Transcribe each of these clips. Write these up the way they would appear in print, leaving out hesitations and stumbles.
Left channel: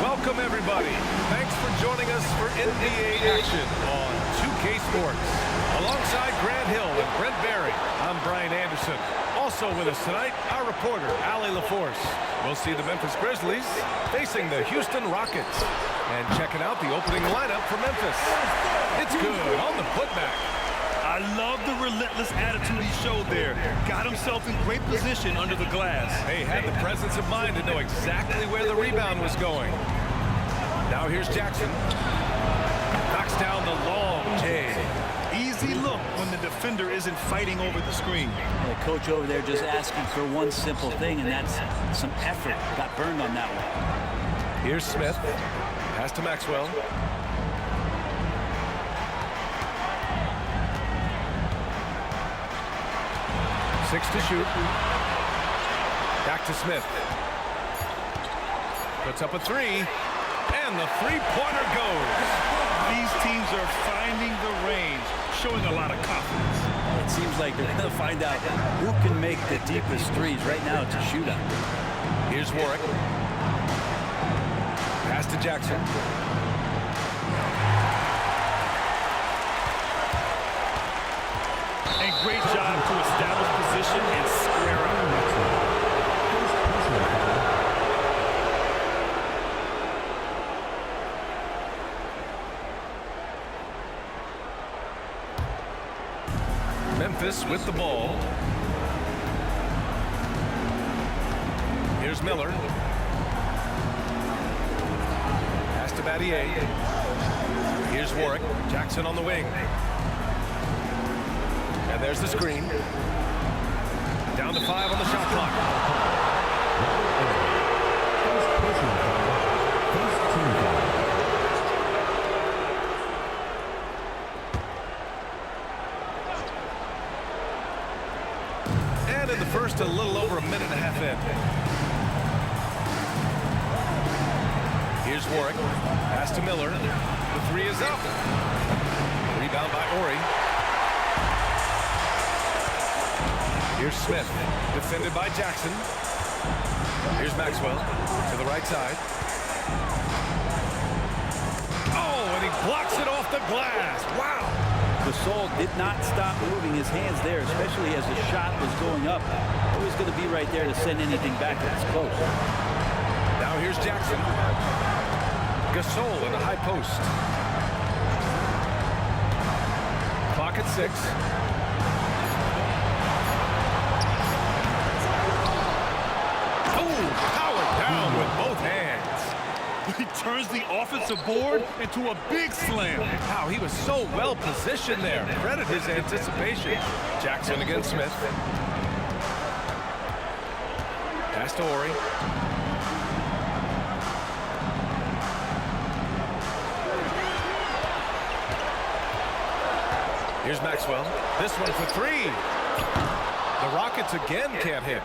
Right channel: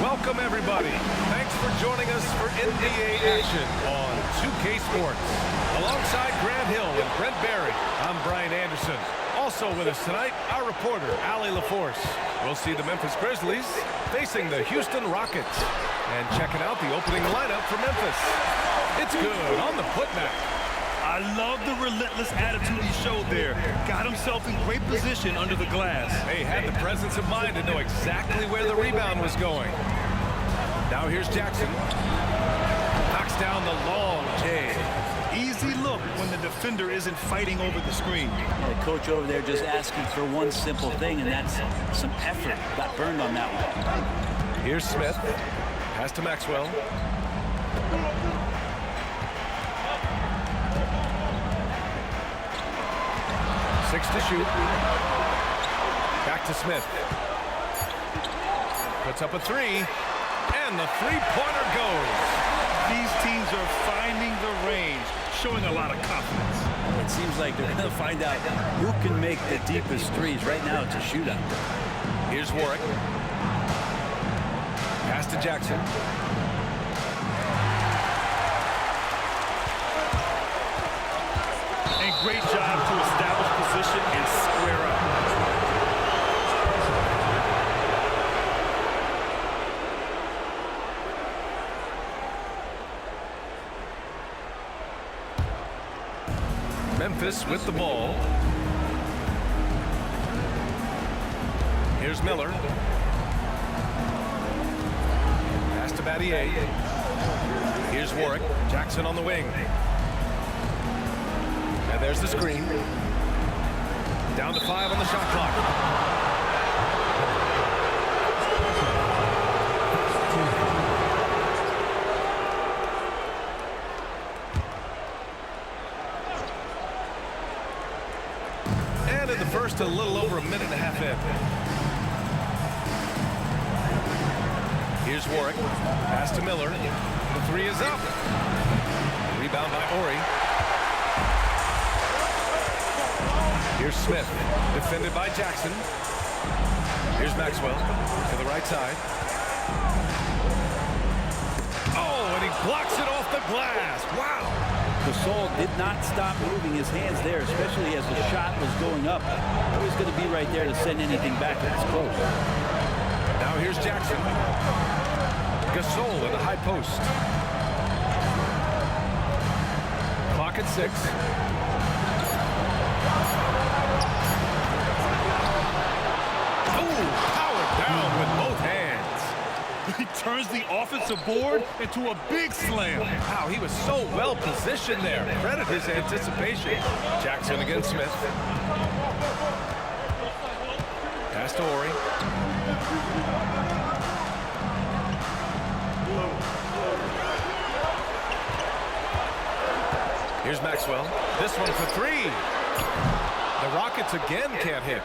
Welcome, everybody. Thanks for joining us for NBA action on 2K Sports. Alongside Grant Hill and Brent Barry, I'm Brian Anderson. Also with us tonight, our reporter, Allie LaForce. We'll see the Memphis Grizzlies facing the Houston Rockets. And checking out the opening lineup for Memphis. It's good on the putback. I love the relentless attitude he showed there. Got himself in great position under the glass. He had the presence of mind to know exactly where the rebound was going. Now here's Jackson. Knocks down the long J. Easy look when the defender isn't fighting over the screen. The coach over there just asking for one simple thing, and that's some effort. Got burned on that one. Here's Smith. Pass to Maxwell. Six to shoot. Back to Smith. Puts up a three. And the three-pointer goes. These teams are finding the range, showing a lot of confidence. It seems like they're going to find out who can make the deepest threes. Right now, it's a shootout. Here's Warwick. Pass to Jackson. And great job to establish position and square up. Memphis with the ball. Here's Miller. Pass to Battier. Here's Warwick. Jackson on the wing. And there's the screen. Down to 5 on the shot clock. And in the first, a little over a minute and a half in. Here's Warwick. Pass to Miller. The three is up. Rebound by Ori. Here's Smith, defended by Jackson. Here's Maxwell to the right side. Oh, and he blocks it off the glass. Wow. Gasol did not stop moving his hands there, especially as the shot was going up. Always going to be right there to send anything back if it's close. Now here's Jackson. Gasol in the high post. Clock at 6. Powered down with both hands. He turns the offensive board into a big slam. Wow, he was so well positioned there. Credit his anticipation. Jackson against Smith. Pass to Ori. Here's Maxwell. This one for three. The Rockets again can't hit.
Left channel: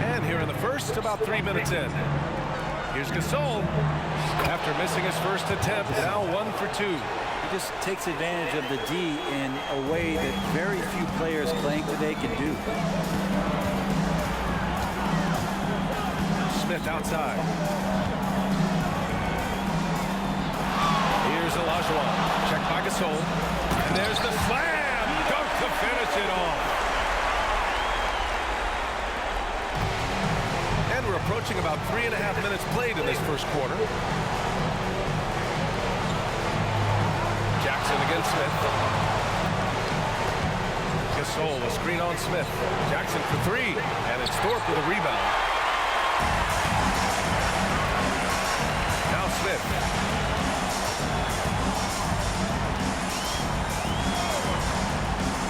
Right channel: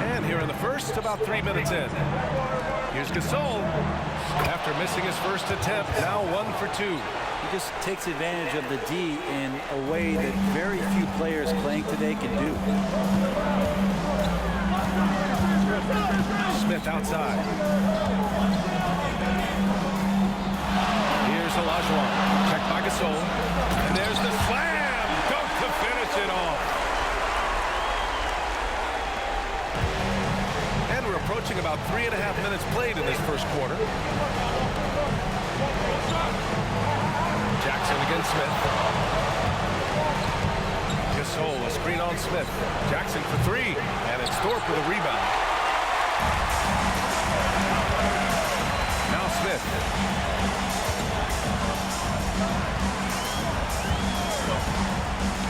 And here in the first, about 3 minutes in. Here's Gasol. After missing his first attempt, now 1 for 2. He just takes advantage of the D in a way that very few players playing today can do. Smith outside. Here's Olajuwon. Checked by Gasol. And there's the slam. Dunk to finish it off. And we're approaching about 3.5 minutes played in this first quarter. Jackson against Smith. Gasol, a screen on Smith. Jackson for three. And it's Thorpe with a rebound. Now Smith.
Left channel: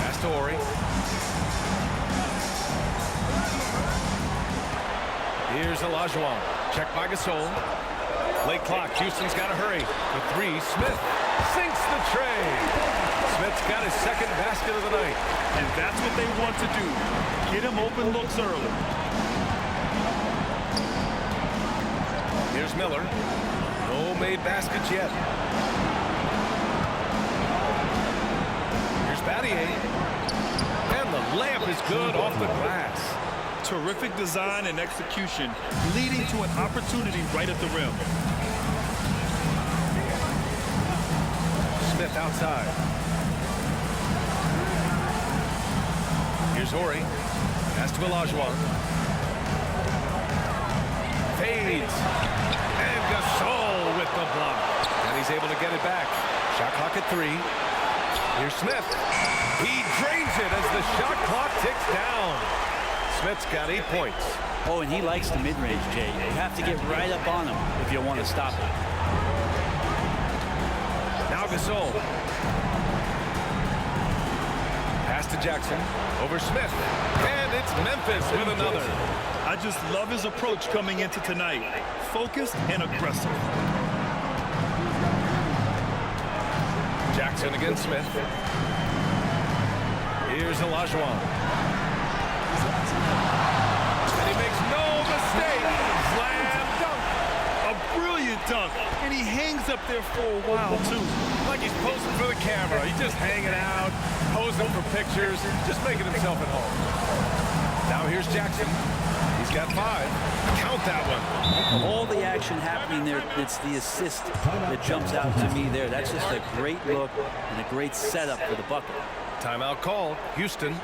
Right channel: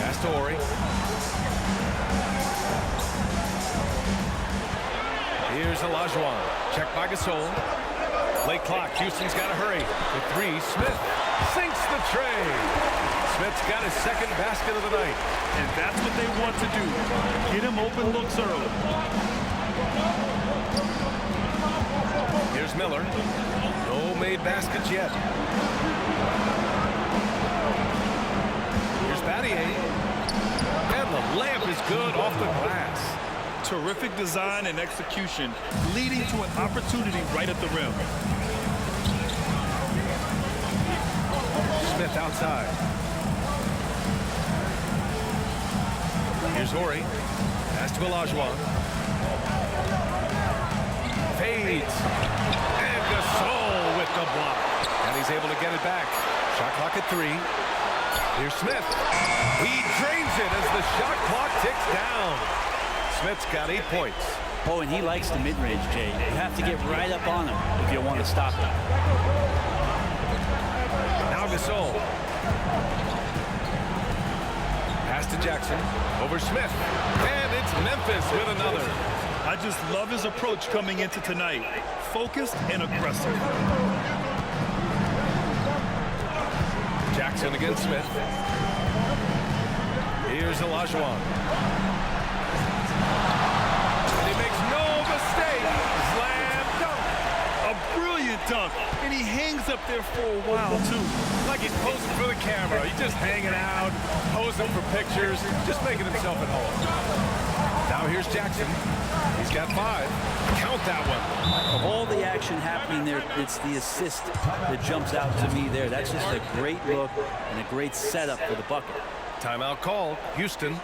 Pass to Ori. Here's Olajuwon. Checked by Gasol. Late clock. Houston's got to hurry. For three, Smith sinks the tray. Smith's got his second basket of the night. And that's what they want to do. Get him open looks early. Here's Miller. No made baskets yet. Here's Battier. And the layup is good off the glass. Terrific design and execution, leading to an opportunity right at the rim. Smith outside. Here's Horry. Pass to Olajuwon. Fades. And Gasol with the block. And he's able to get it back. Shot clock at 3. Here's Smith. He drains it as the shot clock ticks down. Smith's got 8 points. Oh, and he likes the mid-range, Jay. You have to get right up on him if you want to stop it. Now Gasol. Pass to Jackson. Over Smith. And it's Memphis with another. I just love his approach coming into tonight. Focused and aggressive. Jackson against Smith. Here's Olajuwon. And he makes no mistake. Slam dunk. A brilliant dunk, and he hangs up there for a while, too. Like he's posing for the camera. He's just hanging out, posing for pictures, just making himself at home. Now here's Jackson. He's got 5. Count that one. Of all the action happening there, it's the assist that jumps out to me there. That's just a great look and a great setup for the bucket. Timeout called. Houston.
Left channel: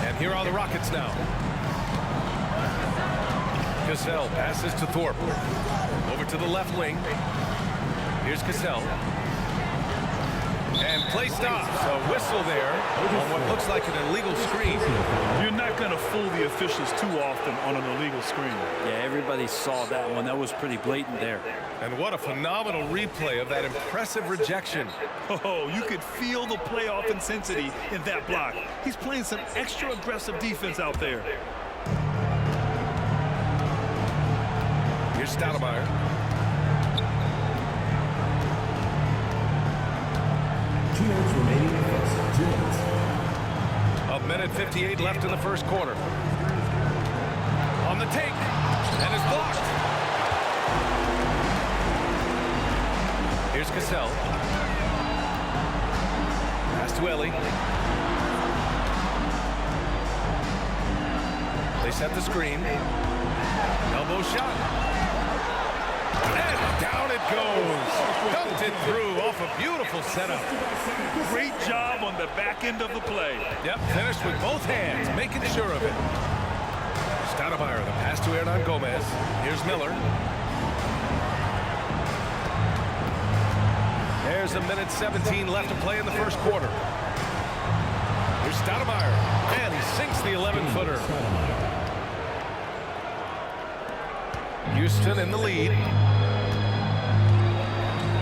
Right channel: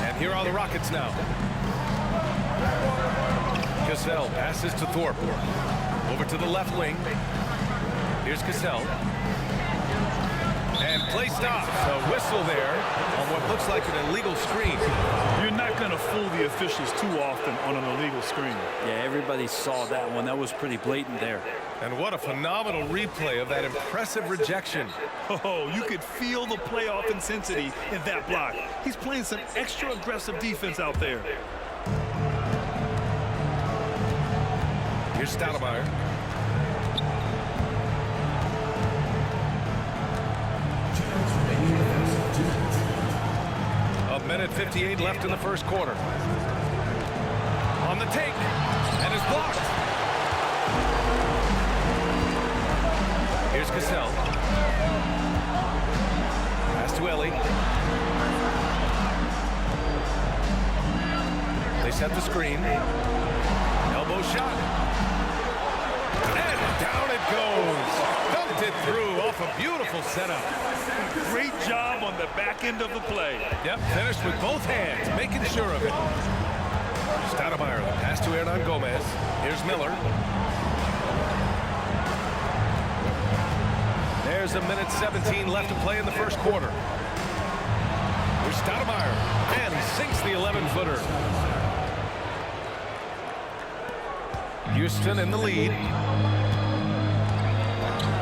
And here are the Rockets now. Cassell passes to Thorpe. Over to the left wing. Here's Cassell. And play stops. A whistle there on what looks like an illegal screen. You're not going to fool the officials too often on an illegal screen. Yeah, everybody saw that one. That was pretty blatant there. And what a phenomenal replay of that impressive rejection. Oh, you could feel the playoff intensity in that block. He's playing some extra aggressive defense out there. Here's Stoudemire. A minute 58 left in the first quarter. On the take, and is blocked. Here's Cassell. Pass to Ellie. They set the screen. Elbow shot. And down it goes. Dunked it through off a beautiful setup. Great job on the back end of the play. Yep, finished with both hands, making sure of it. Stoudemire, the pass to Hernan Gomez. Here's Miller. There's a minute 17 left to play in the first quarter. Here's Stoudemire, and he sinks the 11-footer. Houston in the lead.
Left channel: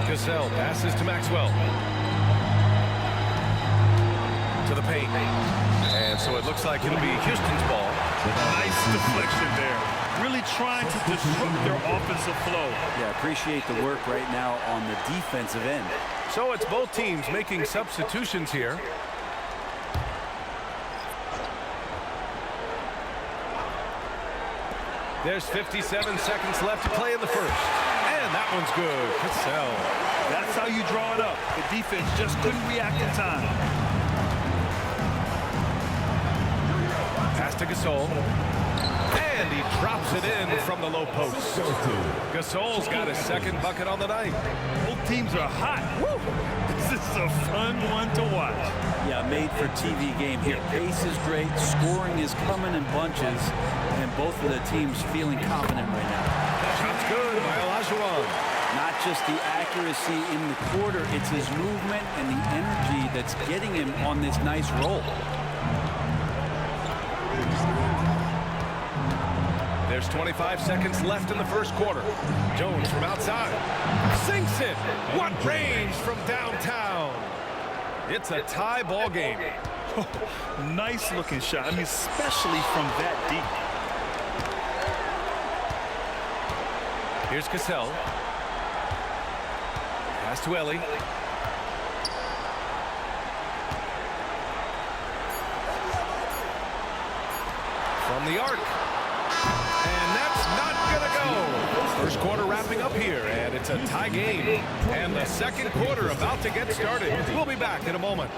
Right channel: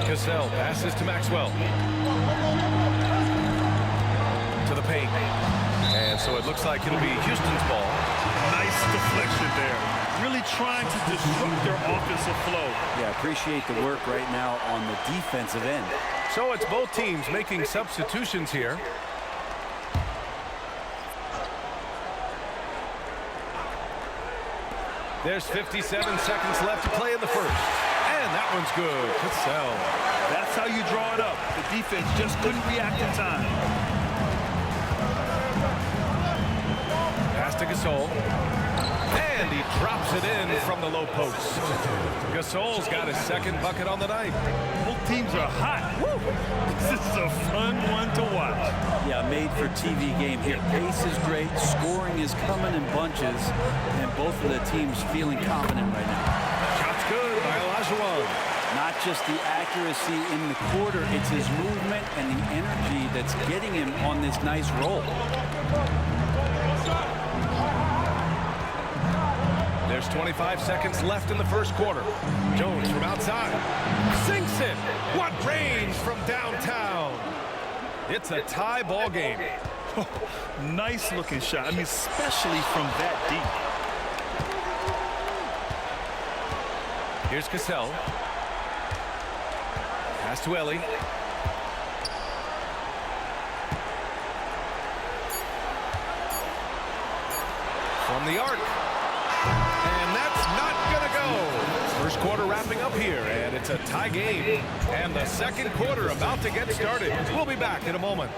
Cassell passes to Maxwell. to the paint. And so it looks like it'll be Houston's ball. Nice deflection there. Really trying to disrupt their offensive flow. Yeah, appreciate the work right now on the defensive end. So it's both teams making substitutions here. There's 57 seconds left to play in the first. And that one's good. Cassell. That's how you draw it up. The defense just couldn't react in time. Pass to Gasol. And he drops it in from the low post. Gasol's got his second bucket on the night. Both teams are hot. Woo! This is a fun one to watch. Yeah, made for TV game here. Pace is great. Scoring is coming in bunches. And both of the teams feeling confident right now. Shot's good by Olajuwon. Not just the accuracy in the quarter, it's his movement and the energy that's getting him on this nice roll. There's 25 seconds left in the first quarter. Jones from outside. Sinks it. What range from downtown. It's a tie ball game. Nice looking shot. I mean, especially from that deep. Here's Cassell. Pass to Ellie. From the arc. And that's not gonna go. First quarter wrapping up here, and it's a tie game. And the second quarter about to get started. We'll be back in a moment.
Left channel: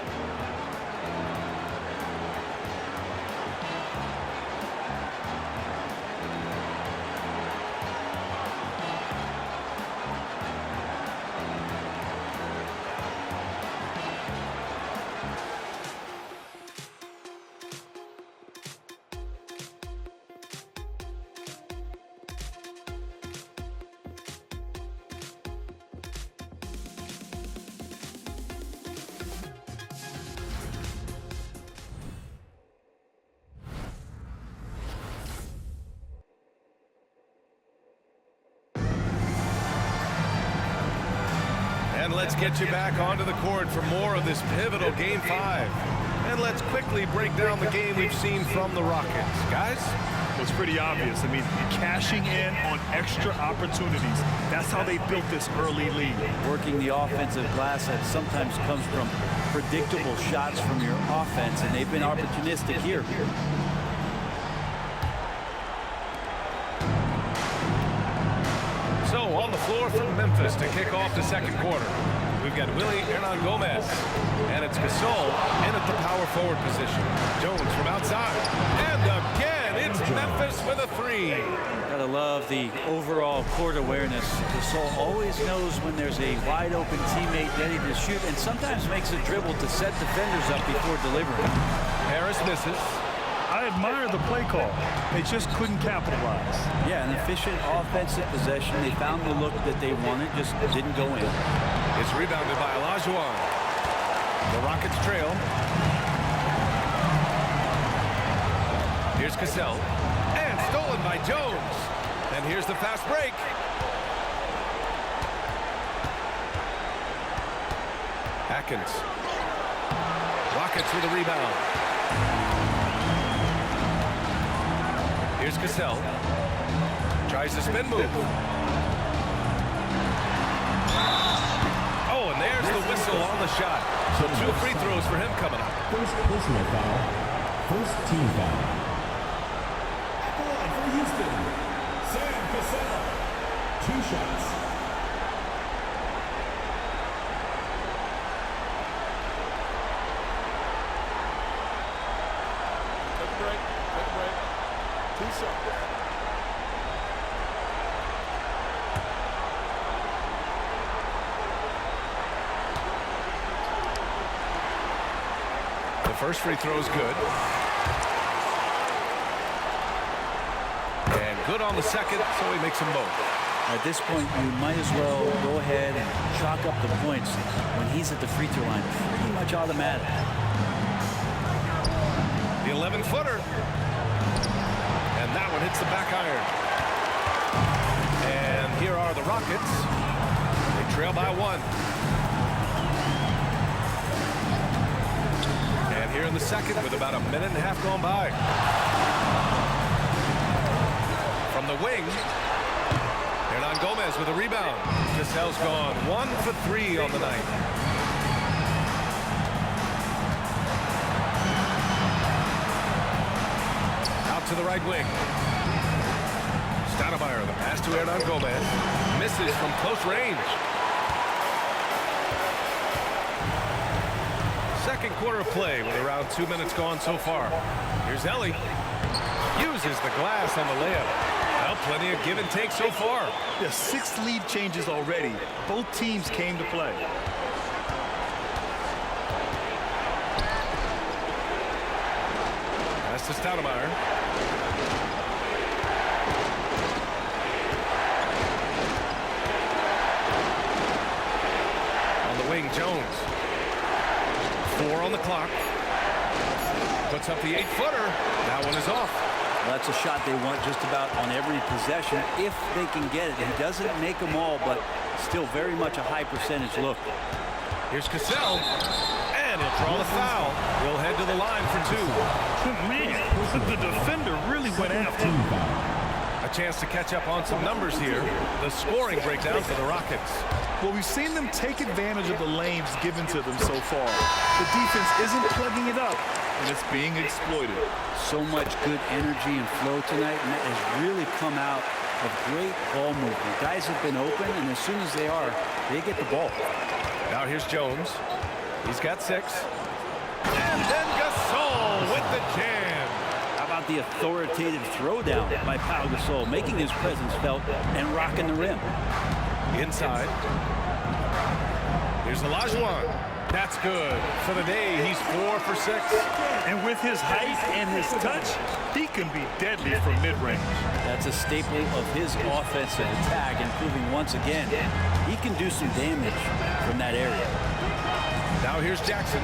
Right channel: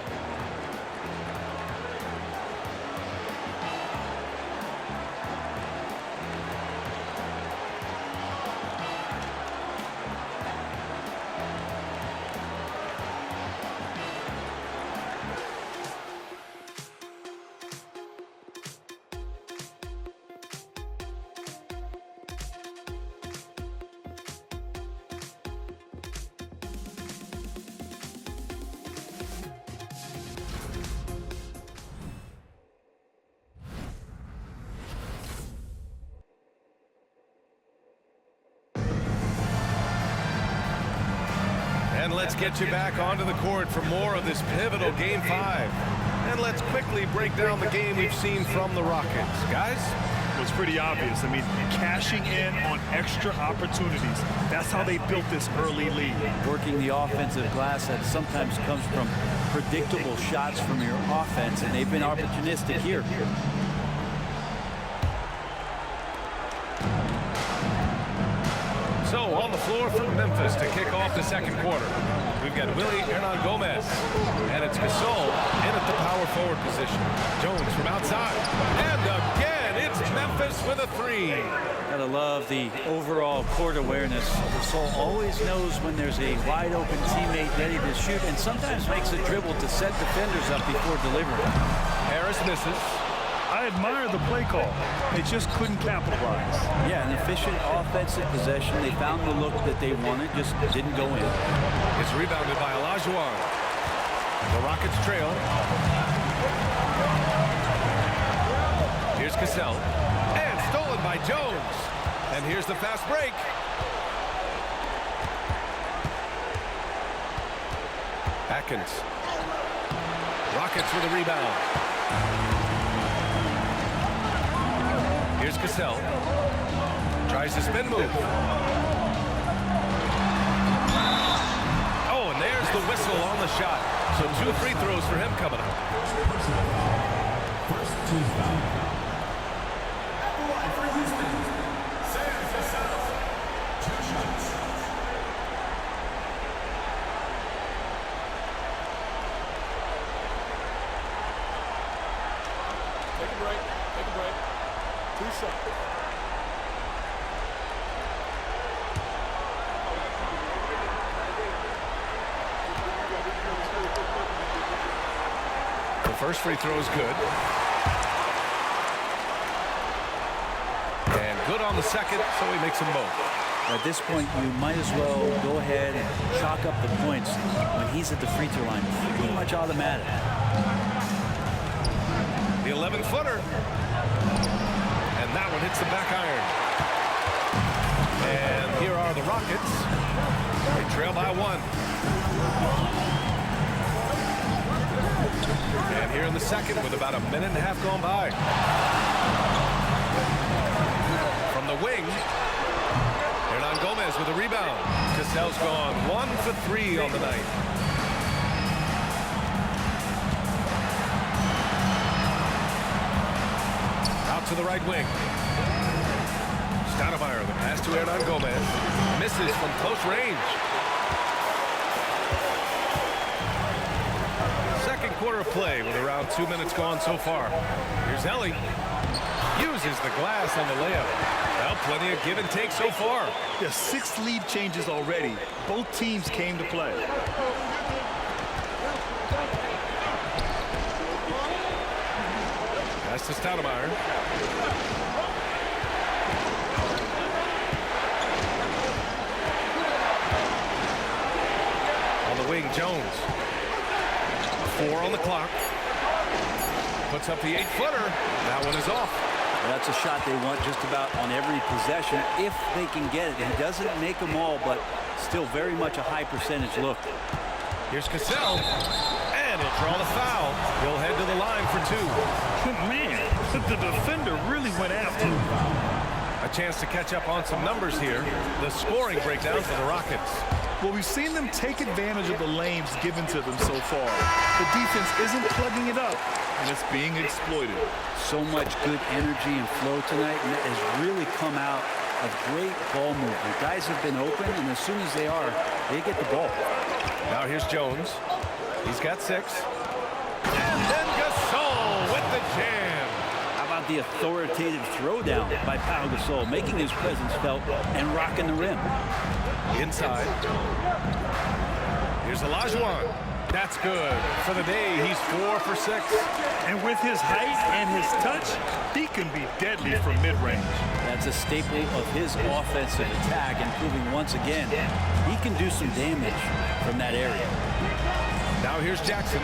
And let's get you back onto the court for more of this pivotal Game 5. And let's quickly break down the game we've seen from the Rockets. Guys? Well, it's pretty obvious. I mean, cashing in on extra opportunities. That's how they built this early lead. Working the offensive glass that sometimes comes from predictable shots from your offense, and they've been opportunistic here. So on the floor from Memphis to kick off the second quarter. We've got Willie Hernangomez, and it's Gasol in at the power forward position. Jones from outside, and again, it's Memphis with a three. Gotta love the overall court awareness. Gasol always knows when there's a wide open teammate ready to shoot, and sometimes makes a dribble to set defenders up before delivering. Harris misses. I admire the play call. They just couldn't capitalize. Yeah, an efficient offensive possession. They found the look that they wanted, just didn't go in. It's rebounded by Olajuwon. The Rockets trail. Here's Cassell. And stolen by Jones. And here's the fast break. Atkins. Rockets with a rebound. Here's Cassell. Tries the spin move. Oh, and there's the whistle on the shot. So 2 free throws for him coming up. First personal foul. First team foul. At the line for Houston, Sam Cassell. 2 shots. Take a break. Take a break. 2 shots. The first free throw is good. And good on the second, so he makes them both. At this point, you might as well go ahead and chalk up the points when he's at the free throw line. Pretty much automatic. The 11-footer. And that one hits the back iron. And here are the Rockets. They trail by 1. And here in the second with about a minute and a half gone by. From the wing, Hernan Gomez with a rebound. Cassell's gone 1 for 3 on the night. Out to the right wing. Stoudemire, the pass to Hernan Gomez. Misses from close range. Second quarter of play with around 2 minutes gone so far. Here's Ellie. Uses the glass on the layup. Well, plenty of give and take so far. There's 6 lead changes already. Both teams came to play. Pass to Stoudemire. On the wing, Jones. 4 on the clock. Puts up the 8-footer. That one is off. Well, that's a shot they want just about on every possession if they can get it. He doesn't make them all, but still very much a high percentage look. Here's Cassell. And he'll draw the foul. He'll head to the line for 2. Man, the defender really went after him. A chance to catch up on some numbers here. The scoring breakdown for the Rockets. Well, we've seen them take advantage of the lanes given to them so far. The defense isn't plugging it up, and it's being exploited. So much good energy and flow tonight, and that has really come out of great ball movement. Guys have been open, and as soon as they are, they get the ball. Now here's Jones. He's got 6. And then Gasol with the jam. How about the authoritative throwdown by Pau Gasol, making his presence felt and rocking the rim. Inside. Here's Olajuwon. That's good. For the day, he's 4 for 6. And with his height and his touch, he can be deadly from mid-range. That's a staple of his offensive attack, and proving once again he can do some damage from that area. Now here's Jackson.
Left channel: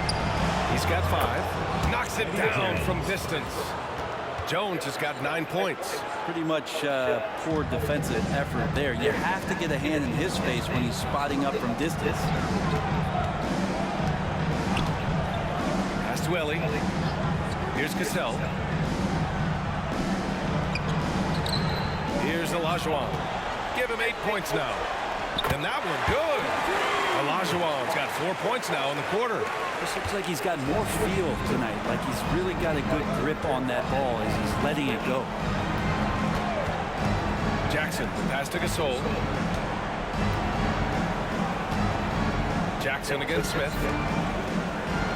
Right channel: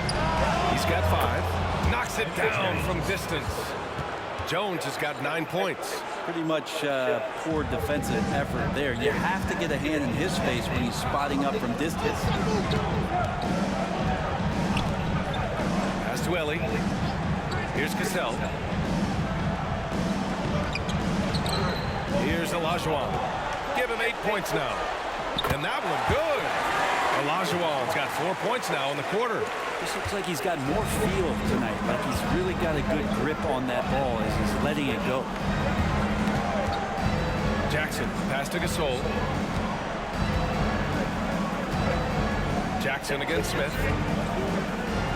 He's got 5. Knocks it down from distance. Jones has got 9 points. Pretty much poor defensive effort there. You have to get a hand in his face when he's spotting up from distance. Pass to Ellie. Here's Cassell. Here's Olajuwon. Give him 8 points now. And that one good. Olajuwon's got 4 points now in the quarter. This looks like he's got more feel tonight, like he's really got a good grip on that ball as he's letting it go. Jackson, pass to Gasol. Jackson against Smith.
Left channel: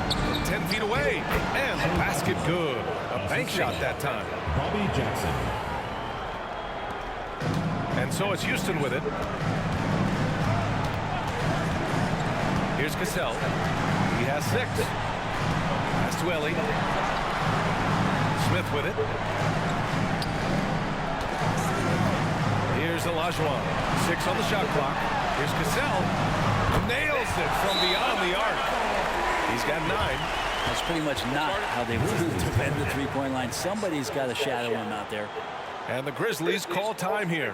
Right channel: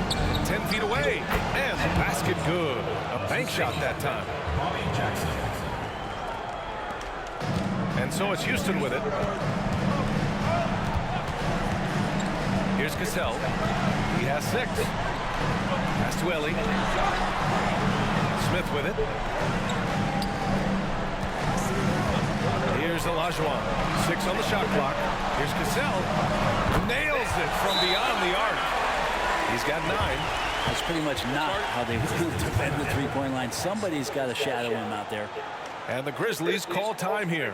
From 10 feet away. And the basket good. A bank shot that time. Bobby Jackson. And so it's Houston with it. Here's Cassell. He has 6. Pass to Ellie. Smith with it. Here's Olajuwon. 6 on the shot clock. Here's Cassell. Nails it from beyond the arc. He's got 9. That's pretty much not how they want to defend the three-point line. Somebody's got to shadow him out there. And the Grizzlies call time here.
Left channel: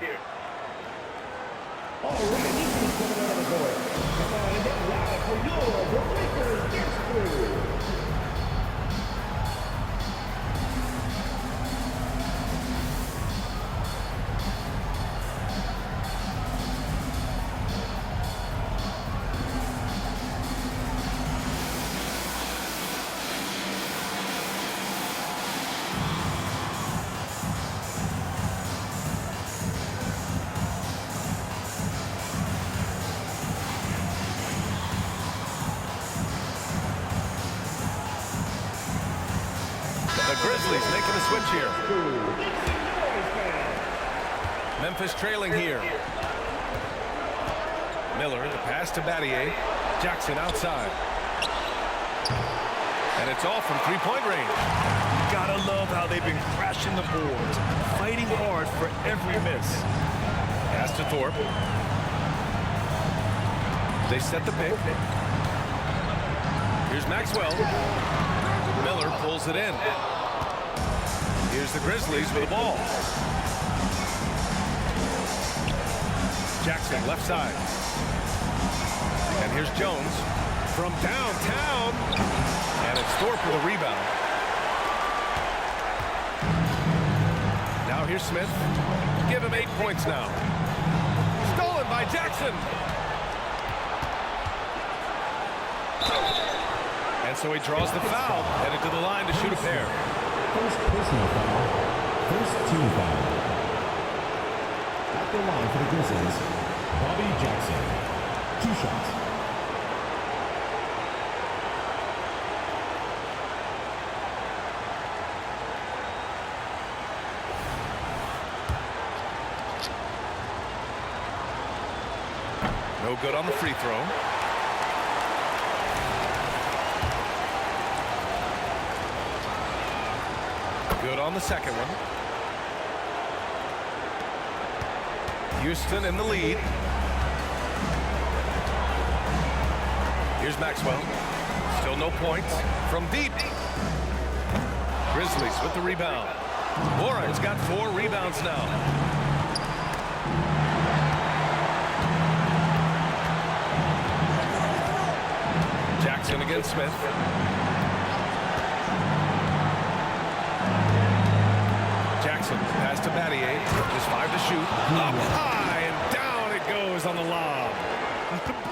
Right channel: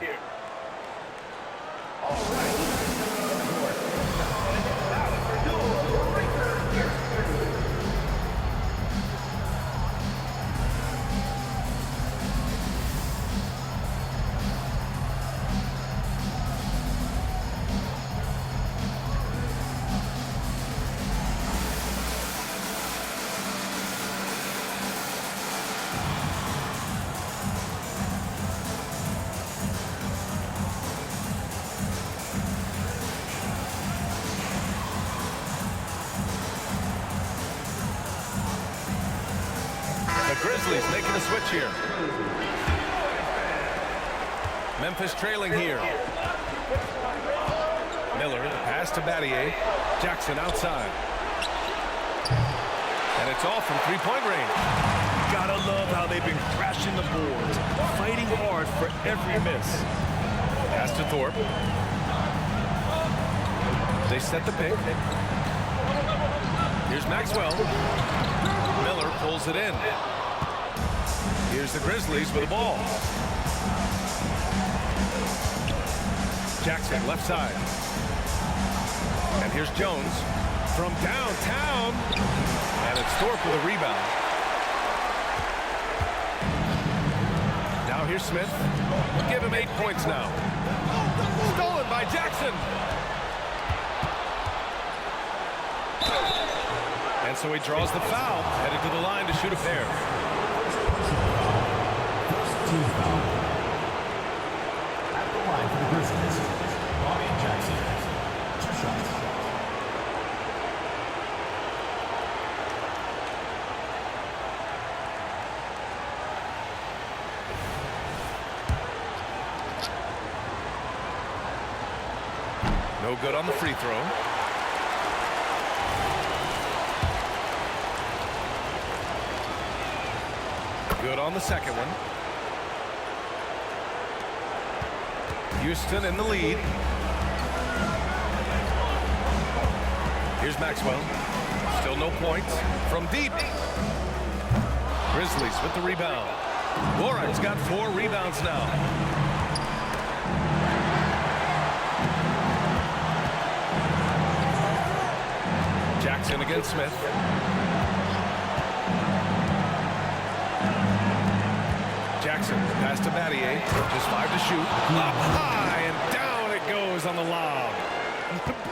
The Grizzlies making a switch here. Memphis trailing here. Miller, the pass to Battier. Jackson outside. And it's all from three-point range. Gotta love how they've been crashing the boards, fighting hard for every miss. Pass to Thorpe. They set the pick. Here's Maxwell. Miller pulls it in. Here's the Grizzlies with the ball. Jackson left side. And here's Jones. from downtown. And it's Thorpe with a rebound. Now here's Smith. Give him 8 points now. Stolen by Jackson. And so he draws the foul, headed to the line to shoot a pair. First personal foul. First team foul. At the line for the Grizzlies, Bobby Jackson. 2 shots. No good on the free throw. Good on the second one. Houston in the lead. Here's Maxwell. Still no points from deep. Grizzlies with the rebound. Warren's got 4 rebounds now. Jackson against Smith. Jackson pass to Battier. Just 5 to shoot. Up high and down it goes on the lob.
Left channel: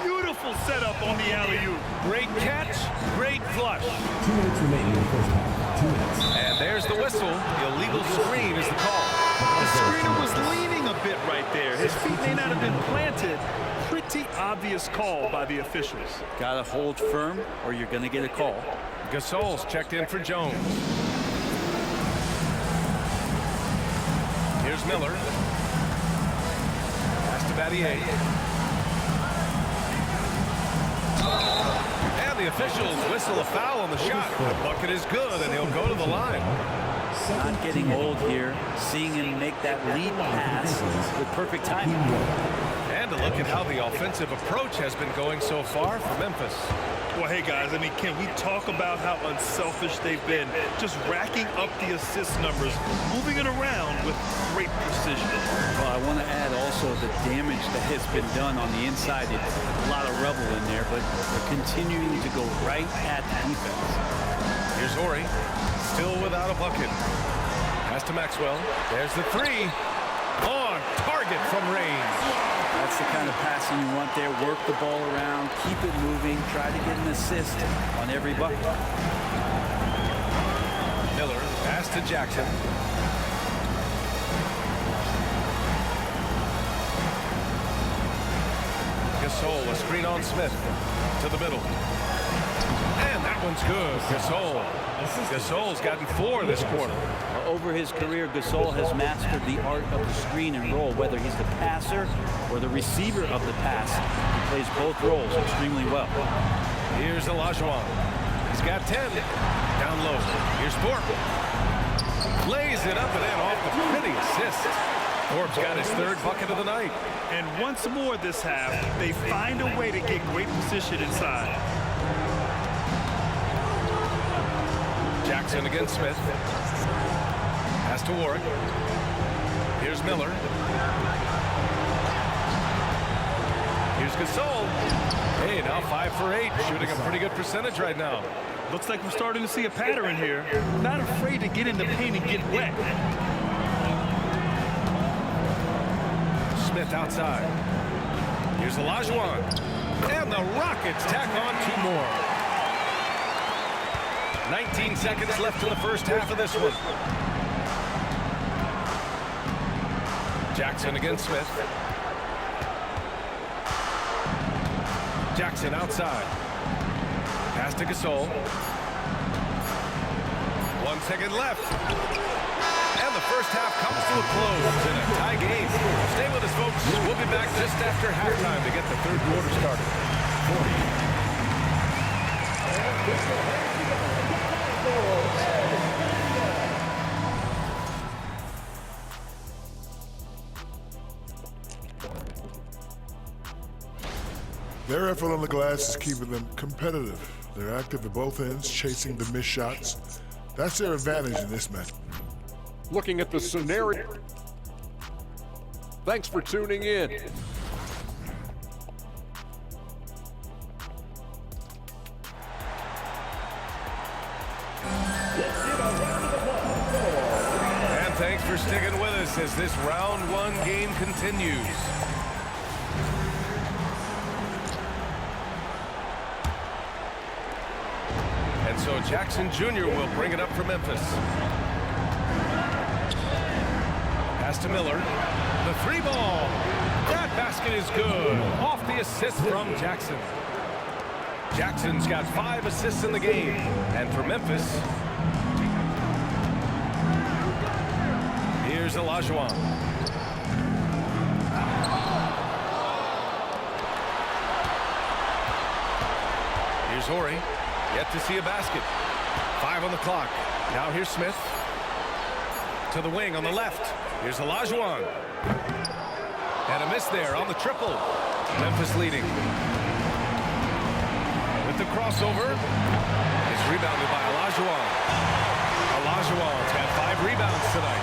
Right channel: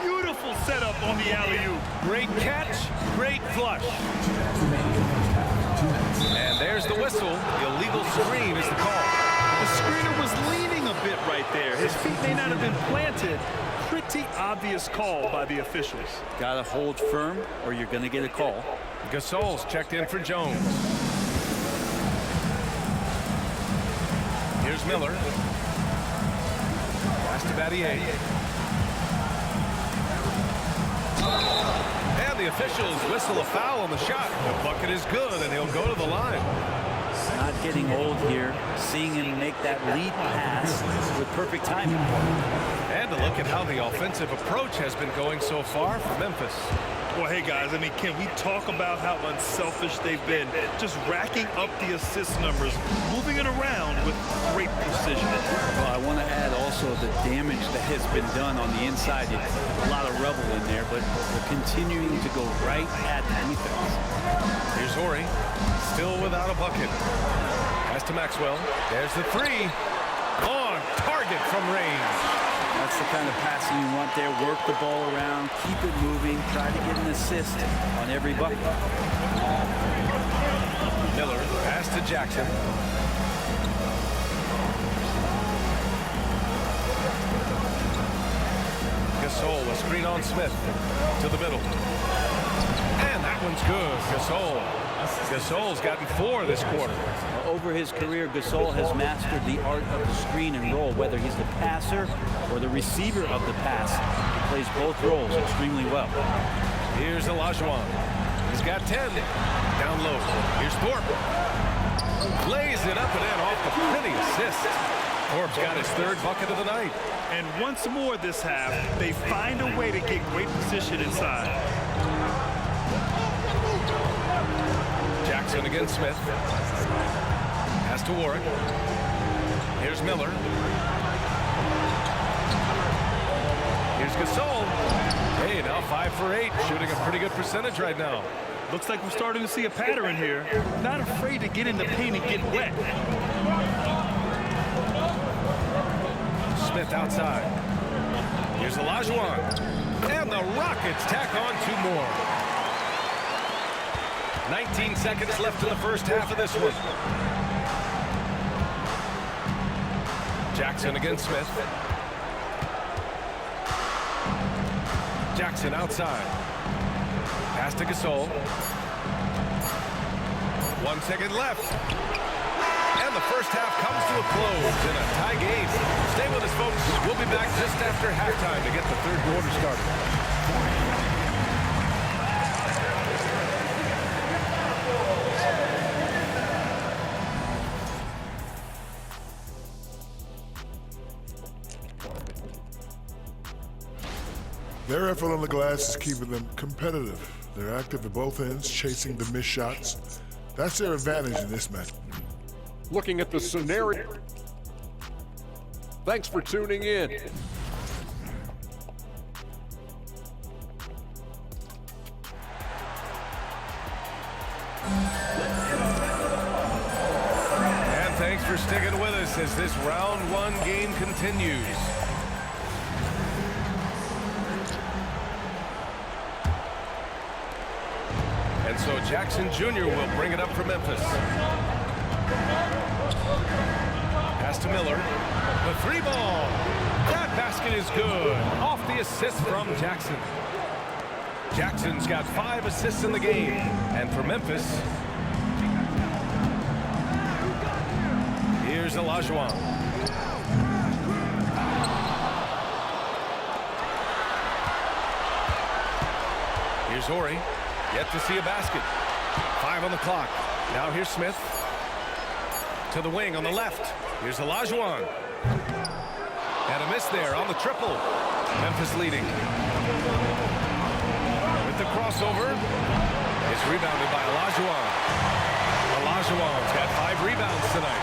Beautiful setup on the alley-oop. Great catch, great flush. 2 minutes remaining in the first half. 2 minutes. And there's the whistle. The illegal screen is the call. The screener was leaning a bit right there. His feet may not have been planted. Pretty obvious call by the officials. Got to hold firm or you're going to get a call. Gasol's checked in for Jones. Here's Miller. Pass to Battier. And the officials whistle a foul on the shot. The bucket is good, and he'll go to the line. Not getting old here. Seeing him make that lead pass with perfect timing. And to look at how the offensive approach has been going so far for Memphis. Well, hey, guys, I mean, can we talk about how unselfish they've been? Just racking up the assist numbers, moving it around with great precision. Well, I want to add also the damage that has been done on the inside. A lot of rubble in there, but they're continuing to go right at the defense. Here's Horry, still without a bucket. Pass to Maxwell. There's the 3. On target from range. That's the kind of passing you want there. Work the ball around, keep it moving, try to get an assist on every bucket. Miller, pass to Jackson. Gasol, a screen on Smith. To the middle. And that one's good. Gasol. Gasol's gotten 4 this quarter. Over his career, Gasol has mastered the art of the screen and roll, whether he's the passer or the receiver of the pass. He plays both roles extremely well. Here's Olajuwon. He's got 10. Down low. Here's Thorpe. Lays it up and in off the pretty assist. Thorpe's got his 3rd bucket of the night. And once more this half, they find a way to get great position inside. Jackson against Smith. Pass to Warwick. Here's Miller. Here's Gasol. Hey, now 5 for 8, shooting a pretty good percentage right now. Looks like we're starting to see a pattern here. Not afraid to get in the paint and get wet. Smith outside. Here's Olajuwon. And the Rockets tack on 2 more. 19 seconds left in the first half of this one. Jackson against Smith. Jackson outside. Pass to Gasol. 1 second left. And the first half comes to a close in a tie game. Stay with us, folks. We'll be back just after halftime to get the 3rd quarter started. Their effort on the glass is keeping them competitive. They're active at both ends, chasing the missed shots. That's their advantage in this match. Looking at the scenario. Thanks for tuning in. And thanks for sticking with us as this round one game continues. And so Jackson Jr. will bring it up for Memphis. Pass to Miller. The three ball. That basket is good. Off the assist from Jackson. Jackson's got 5 assists in the game. And for Memphis, here's Olajuwon. Here's Horry. Yet to see a basket. 5 on the clock. Now here's Smith. To the wing on the left. Here's Olajuwon. And a miss there on the triple. Memphis leading. With the crossover. It's rebounded by Olajuwon. Olajuwon's got 5 rebounds tonight.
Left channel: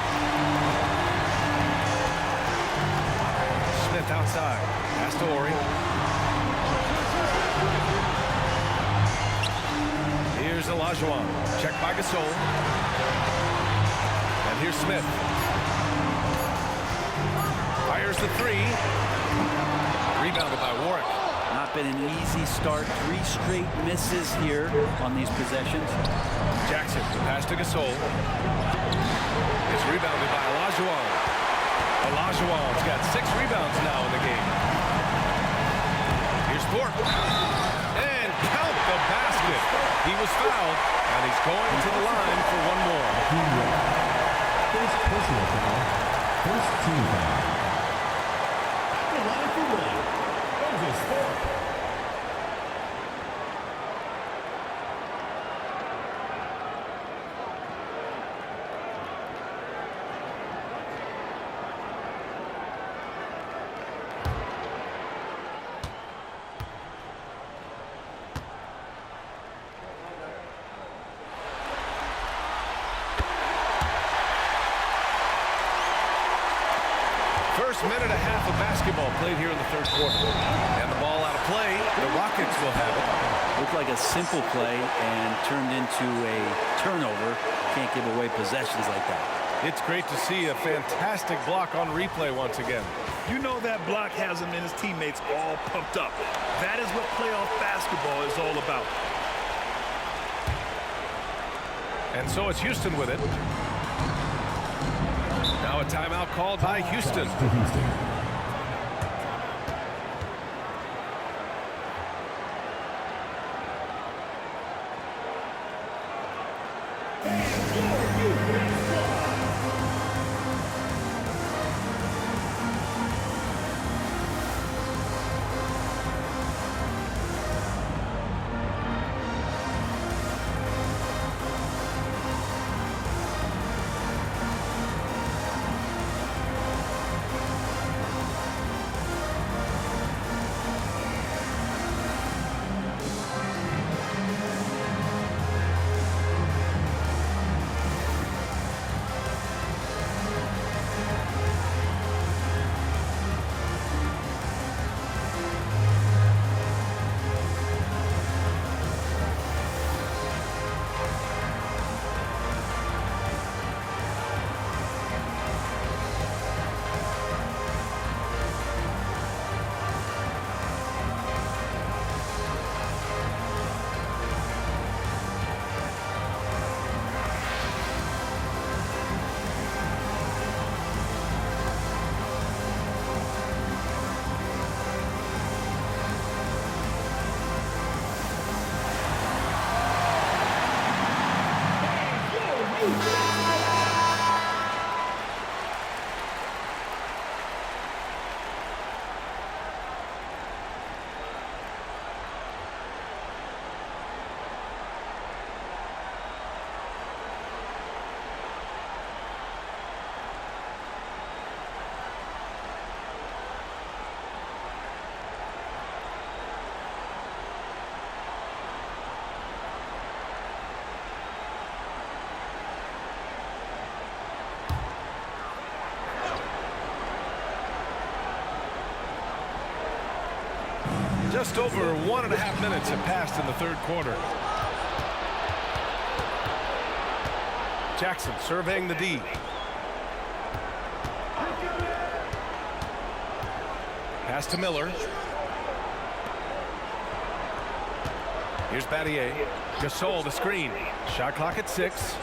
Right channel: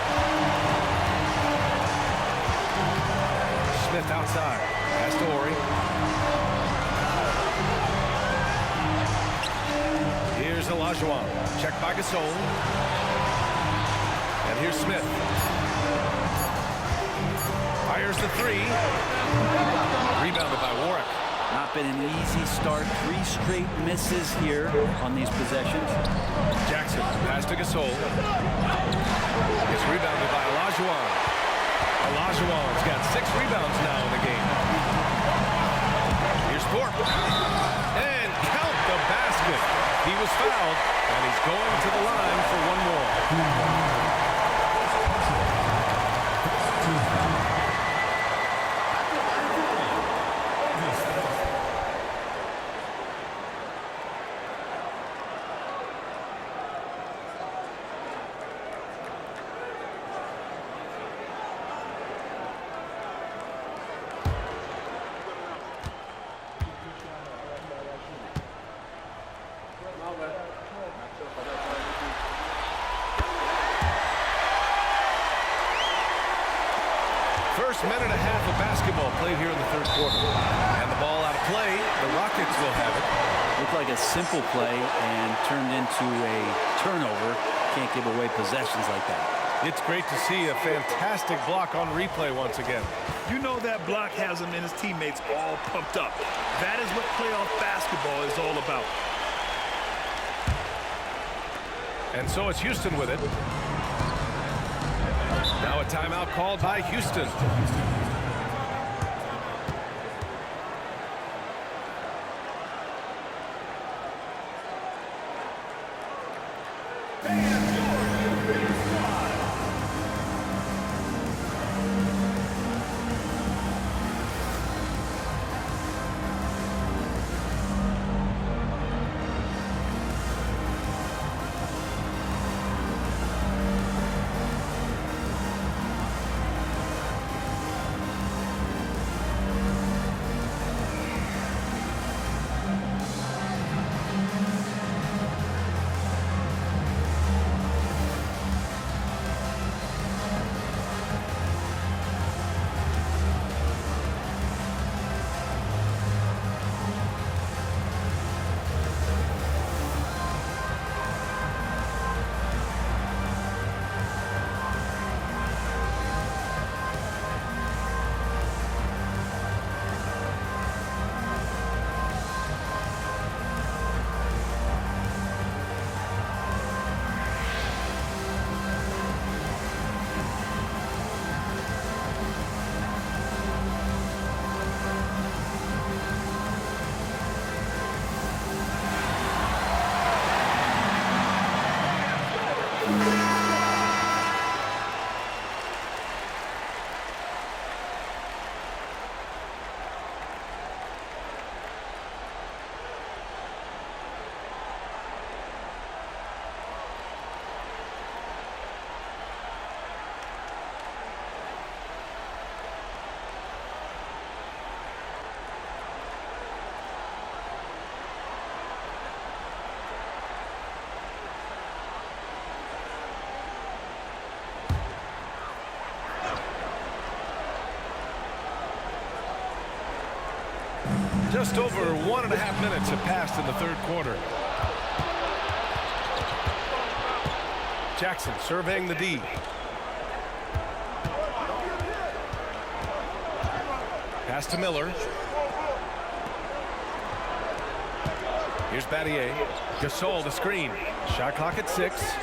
Smith outside. Pass to Horry. Here's Olajuwon. Checked by Gasol. And here's Smith. Fires the 3. Rebounded by Warwick. Not been an easy start. 3 straight misses here on these possessions. Jackson, the pass to Gasol. It's rebounded by Olajuwon. Olajuwon's got 6 rebounds now in the game. Here's Thorpe. And count the basket. He was fouled, and he's going to the line for one more. First personal foul. First team foul. At the line for one. Moses Thorpe. First minute and a half of basketball played here in the third quarter. And the ball out of play. The Rockets will have it. Looked like a simple play and turned into a turnover. Can't give away possessions like that. It's great to see a fantastic block on replay once again. You know that block has him and his teammates all pumped up. That is what playoff basketball is all about. And so it's Houston with it. Now a timeout called by Houston. Just over 1.5 minutes have passed in the third quarter. Jackson surveying the D. Pass to Miller. Here's Battier. Gasol, the screen. Shot clock at 6.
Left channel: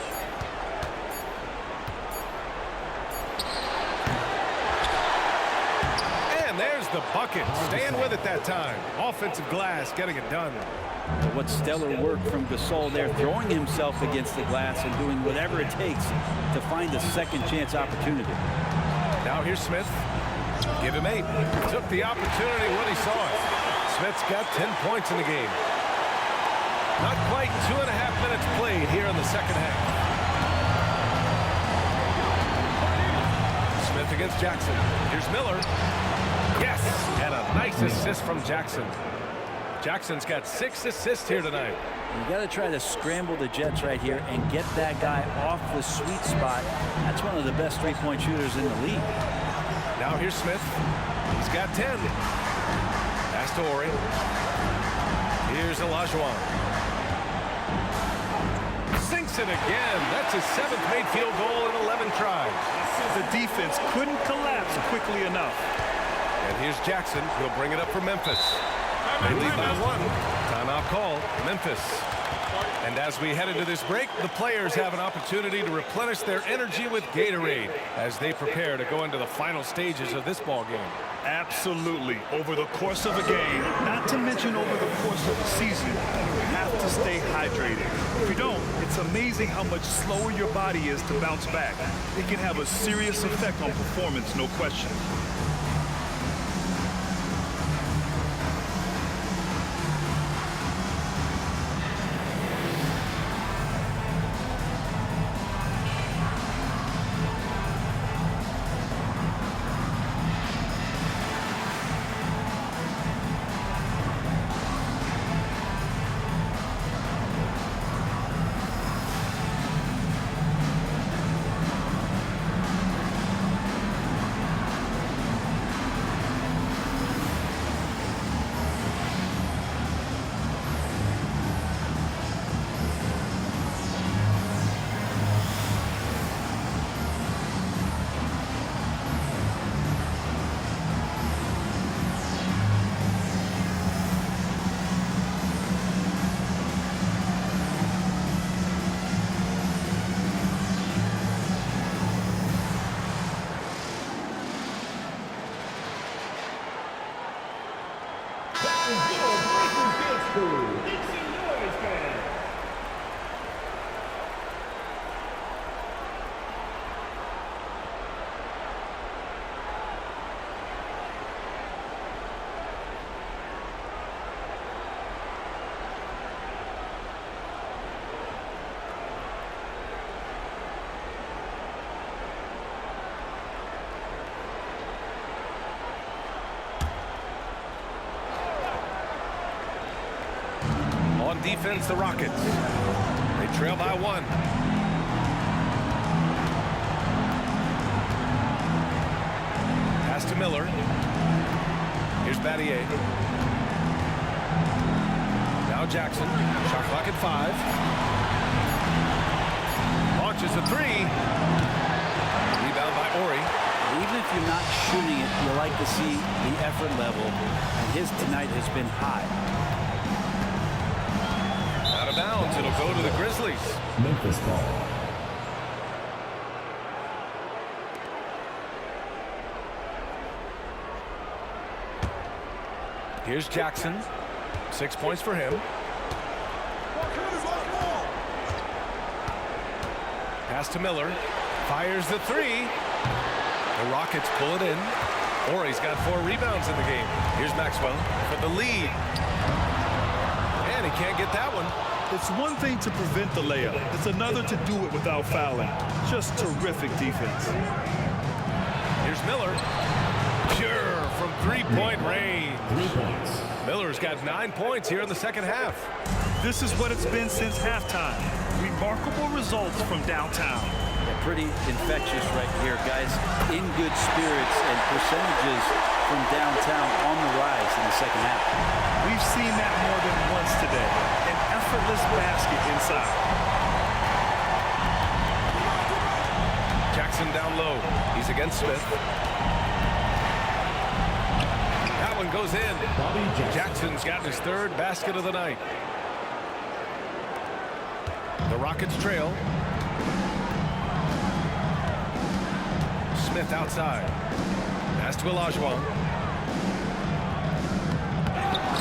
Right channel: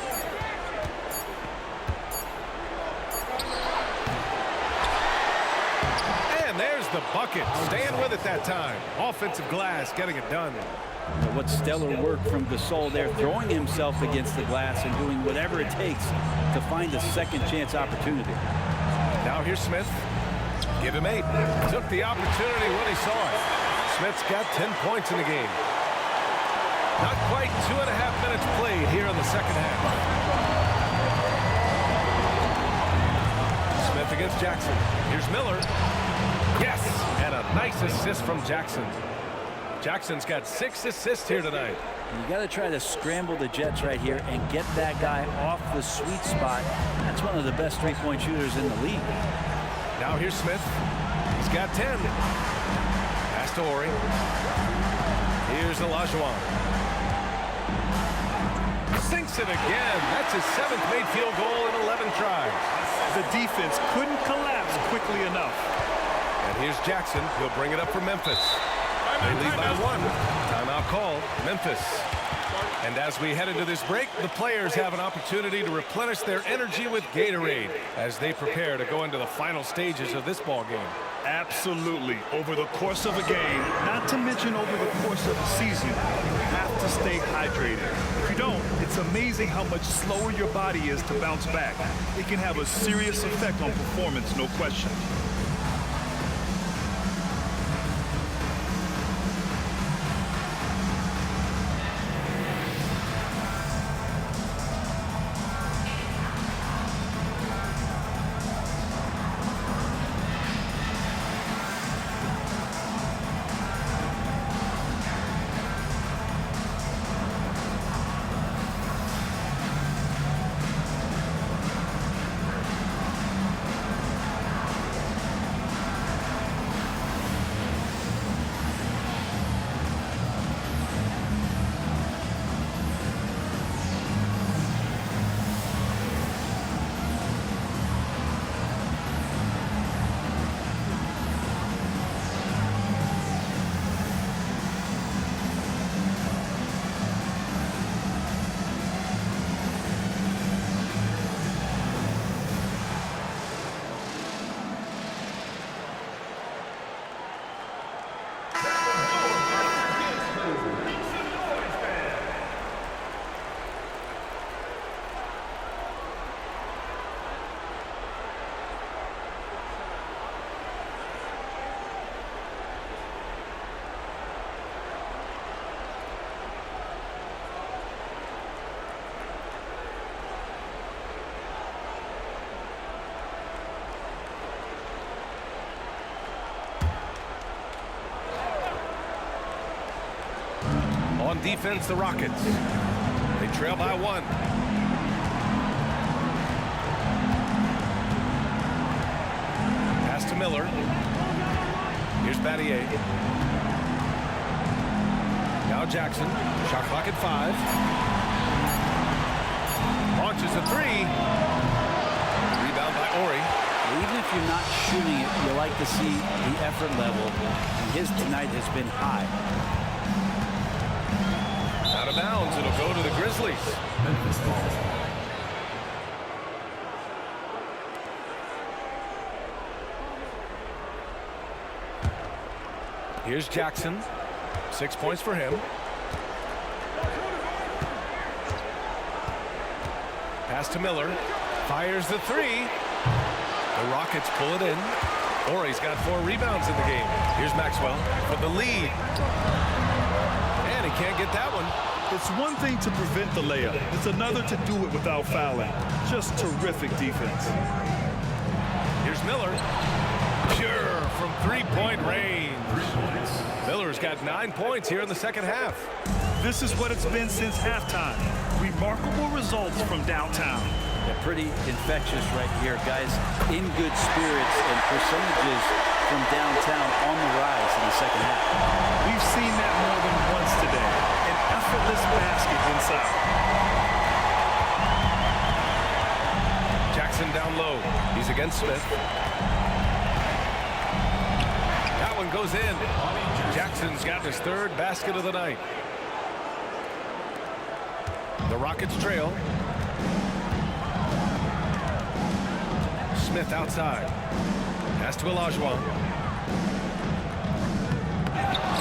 And there's the bucket. Staying with it that time. Offensive glass, getting it done. What stellar work from Gasol there, throwing himself against the glass and doing whatever it takes to find a second chance opportunity. Now here's Smith. Give him 8. Took the opportunity when he saw it. Smith's got 10 points in the game. Not quite 2.5 minutes played here in the second half. Smith against Jackson. Here's Miller. Yes, and a nice assist from Jackson. Jackson's got 6 assists here tonight. You got to try to scramble the Jets right here and get that guy off the sweet spot. That's one of the best three-point shooters in the league. Now here's Smith. He's got 10. Pass to Horry. Here's Olajuwon. Sinks it again. That's his 7th made field goal in 11 tries. The defense couldn't collapse quickly enough. And here's Jackson. He'll bring it up for Memphis. They lead by 1. Timeout called. Memphis. And as we head into this break, the players have an opportunity to replenish their energy with Gatorade as they prepare to go into the final stages of this ball game. Absolutely. Over the course of a game, not to mention over the course of a season, you have to stay hydrated. If you don't, it's amazing how much slower your body is to bounce back. It can have a serious effect on performance, no question. On defense, the Rockets. They trail by 1. Pass to Miller. Here's Battier. Now Jackson. Shot clock at 5. Launches a 3. Rebound by Horry. Even if you're not shooting it, you like to see the effort level, and his tonight has been high. Out of bounds. It'll go to the Grizzlies. Memphis ball. Here's Jackson. 6 points for him. Pass to Miller. Fires the 3. The Rockets pull it in. Horry's got 4 rebounds in the game. Here's Maxwell for the lead. And he can't get that one. It's one thing to prevent the layup. It's another to do it without fouling. Just terrific defense. Here's Miller. Pure from 3-point range. 3 points. Miller's got 9 points here in the second half. This is what it's been since halftime. Remarkable results from downtown. Yeah, pretty infectious right here, guys. In good spirits and percentages from downtown on the rise in the second half. We've seen that more than once today. An effortless basket inside. Jackson down low. He's against Smith. That one goes in. Jackson's got his third basket of the night. The Rockets trail. Smith outside. Pass to Olajuwon.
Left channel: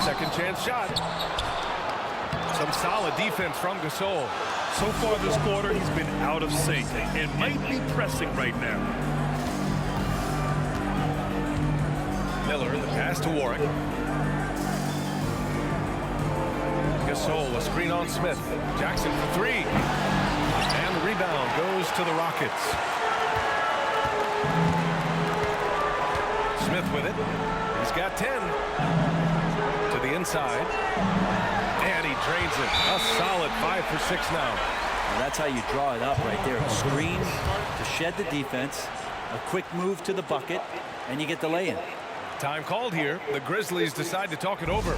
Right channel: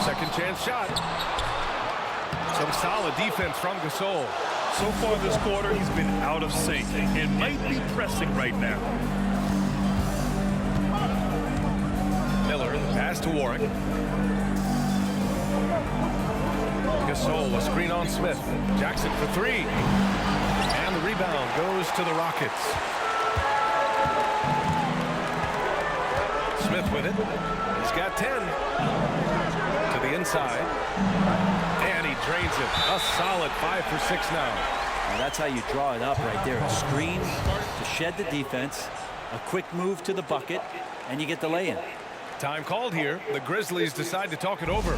Second chance shot. Some solid defense from Gasol. So far this quarter, he's been out of sync and might be pressing right now. Miller, the pass to Warwick. Gasol, a screen on Smith. Jackson for three. And the rebound goes to the Rockets. Smith with it. He's got 10. To the inside. And he drains it. A solid 5 for 6 now. Well, that's how you draw it up right there. A screen to shed the defense, a quick move to the bucket, and you get the lay-in. Time called here. The Grizzlies decide to talk it over.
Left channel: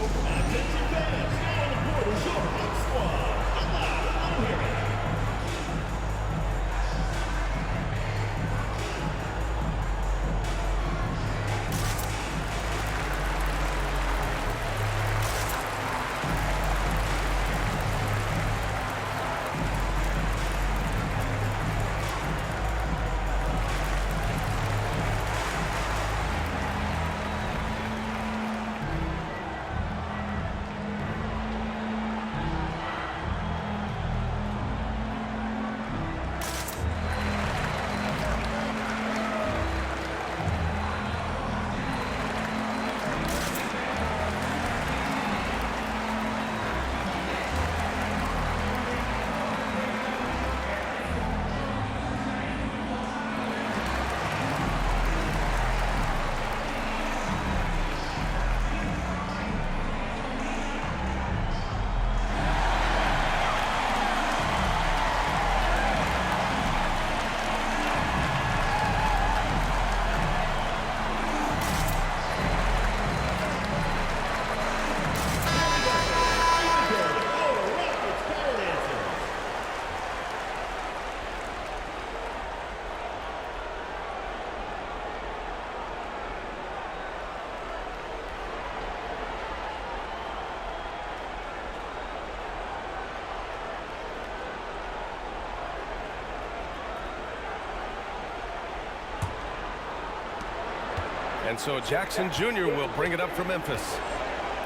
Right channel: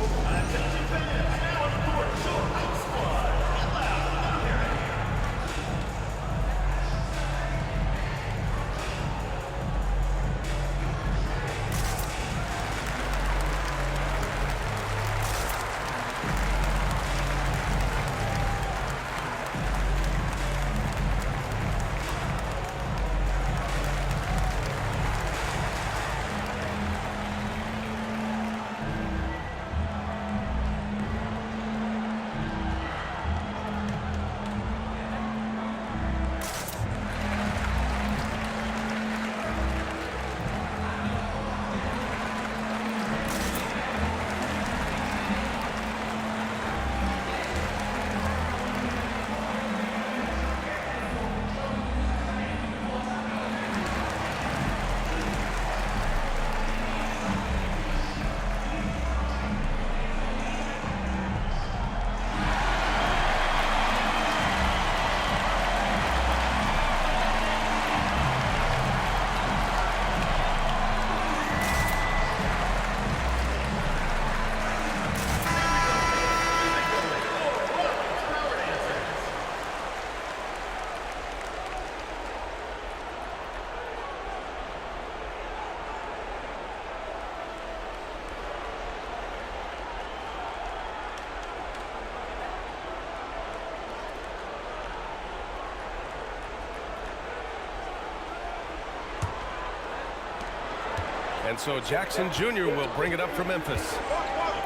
And so Jackson Jr. will bring it up for Memphis.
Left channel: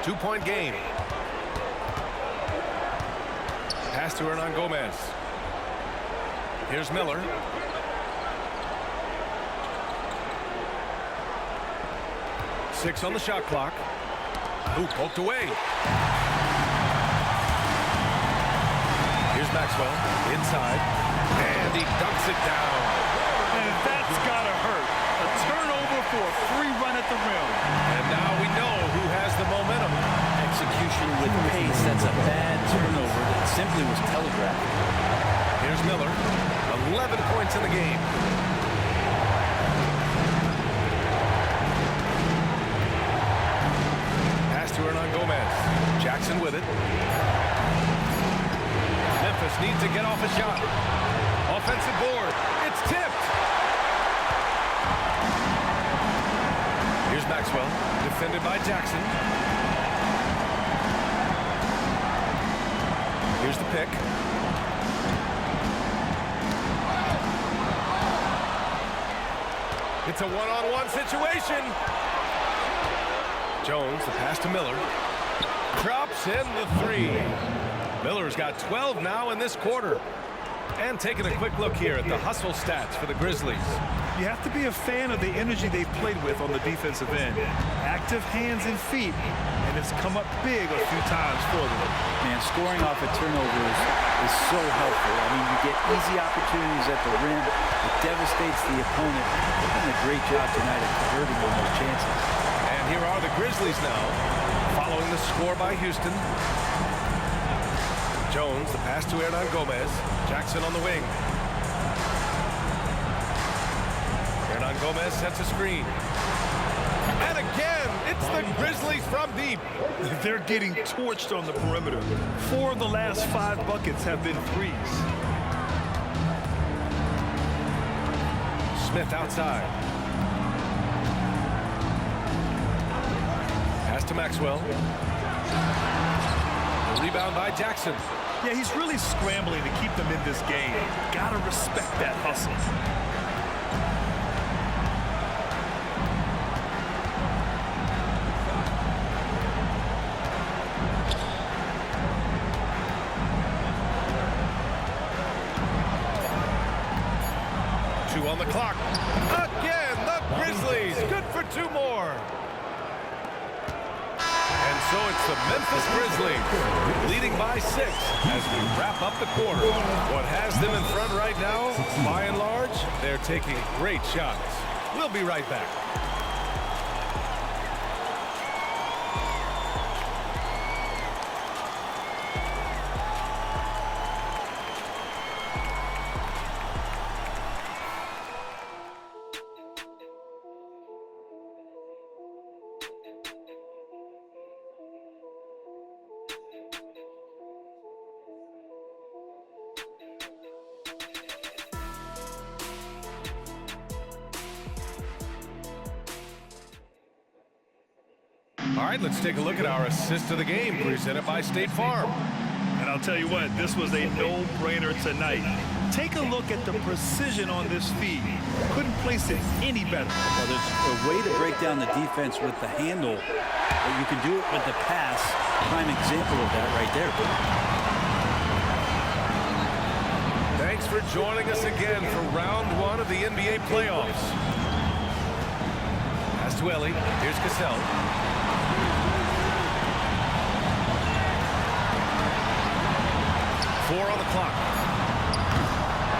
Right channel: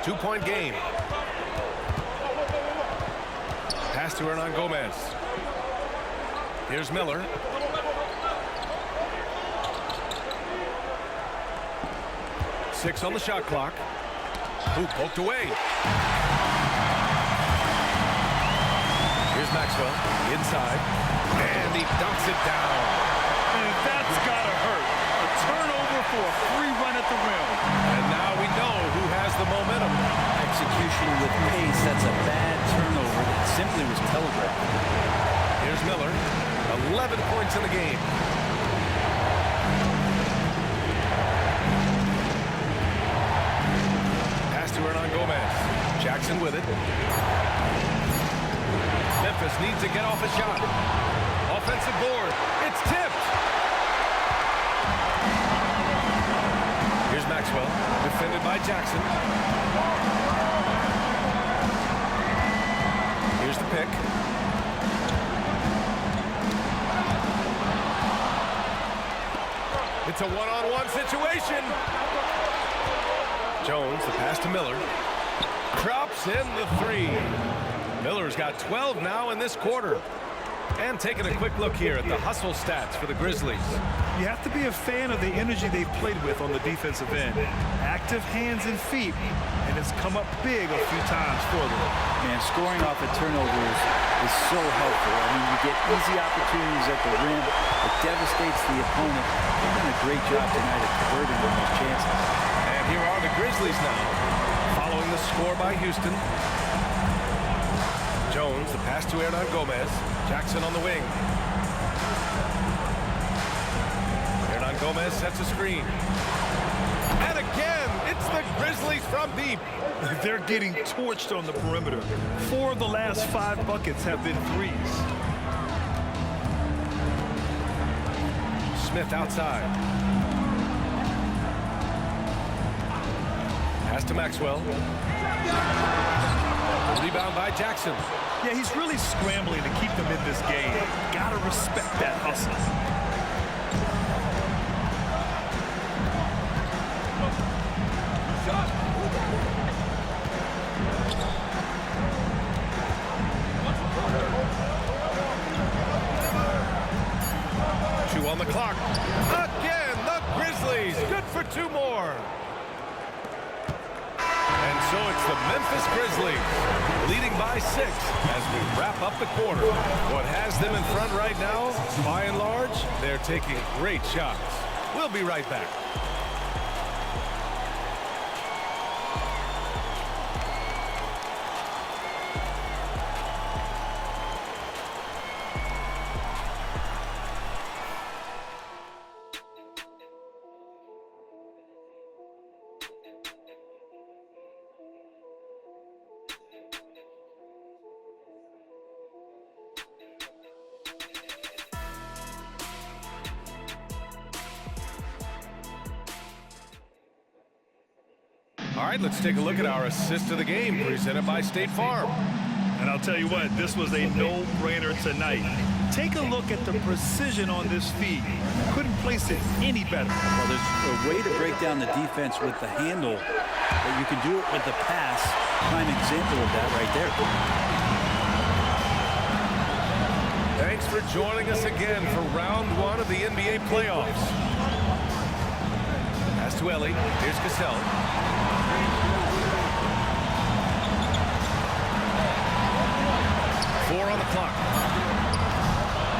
2-point game. Pass to Hernan Gomez. Here's Miller. Six on the shot clock. Ooh, poked away. Here's Maxwell inside. And he dunks it down. And that's gotta hurt. A turnover for a free run at the rim. And now we know who has the momentum. Execution with pace. That's a bad turnover that simply was telegraphed. Here's Miller. 11 points in the game. Pass to Hernan Gomez. Jackson with it. Memphis needs to get off a shot. Offensive board. It's tipped. Here's Maxwell, defended by Jackson. Here's the pick. It's a one-on-one situation. Jones, the pass to Miller. Drops in the three. Miller's got 12 now in this quarter. And taking a quick look here at the hustle stats for the Grizzlies. You have to be a fan of the energy they've played with on the defensive end. Active hands and feet, and it's come up big a few times for them. Man, scoring off of turnovers is so helpful. I mean, you get easy opportunities at the rim. It devastates the opponent. They've done a great job tonight at converting on those chances. And here are the Grizzlies now, following the score by Houston. Jones, the pass to Hernan Gomez. Jackson on the wing. Hernan Gomez sets a screen. And again, it's the Grizzlies from deep. They're getting torched on the perimeter. 4 of the last 5 buckets have been threes. Smith outside. Pass to Maxwell. The rebound by Jackson. Yeah, he's really scrambling to keep them in this game. Gotta respect that hustle. Two on the clock. Again, the Grizzlies. Good for 2 more. And so it's the Memphis Grizzlies leading by 6 as we wrap up the quarter. What has them in front right now, by and large, they're taking great shots. We'll be right back. All right, let's take a look at our assist of the game presented by State Farm. And I'll tell you what, this was a no-brainer tonight. Take a look at the precision on this feed. Couldn't place it any better. Well, there's a way to break down the defense with the handle, but you can do it with the pass. Prime example of that right there. Thanks for joining us again for round 1 of the NBA playoffs. Pass to Ellie. Here's Cassell. Four on the clock.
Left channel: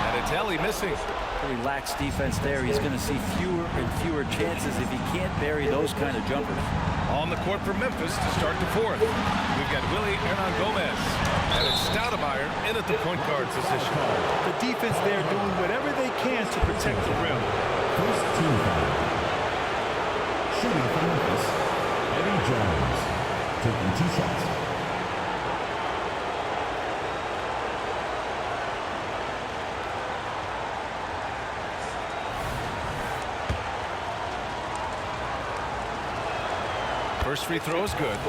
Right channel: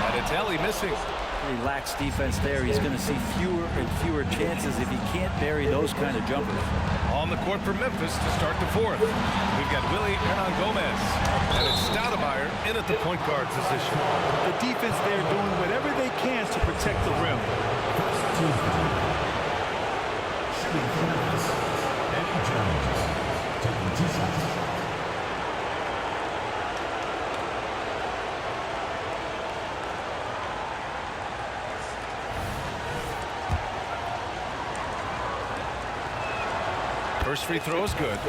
And it's Ellie missing. Pretty lax defense there. He's going to see fewer and fewer chances if he can't bury those kind of jumpers. On the court for Memphis to start the 4th. We've got Willie Hernangomez. And it's Stoudemire in at the point guard position. The defense there doing whatever they can to protect the rim. First team foul. Shooting for Memphis, Eddie Jones. Taking 2 shots. First free throw is good.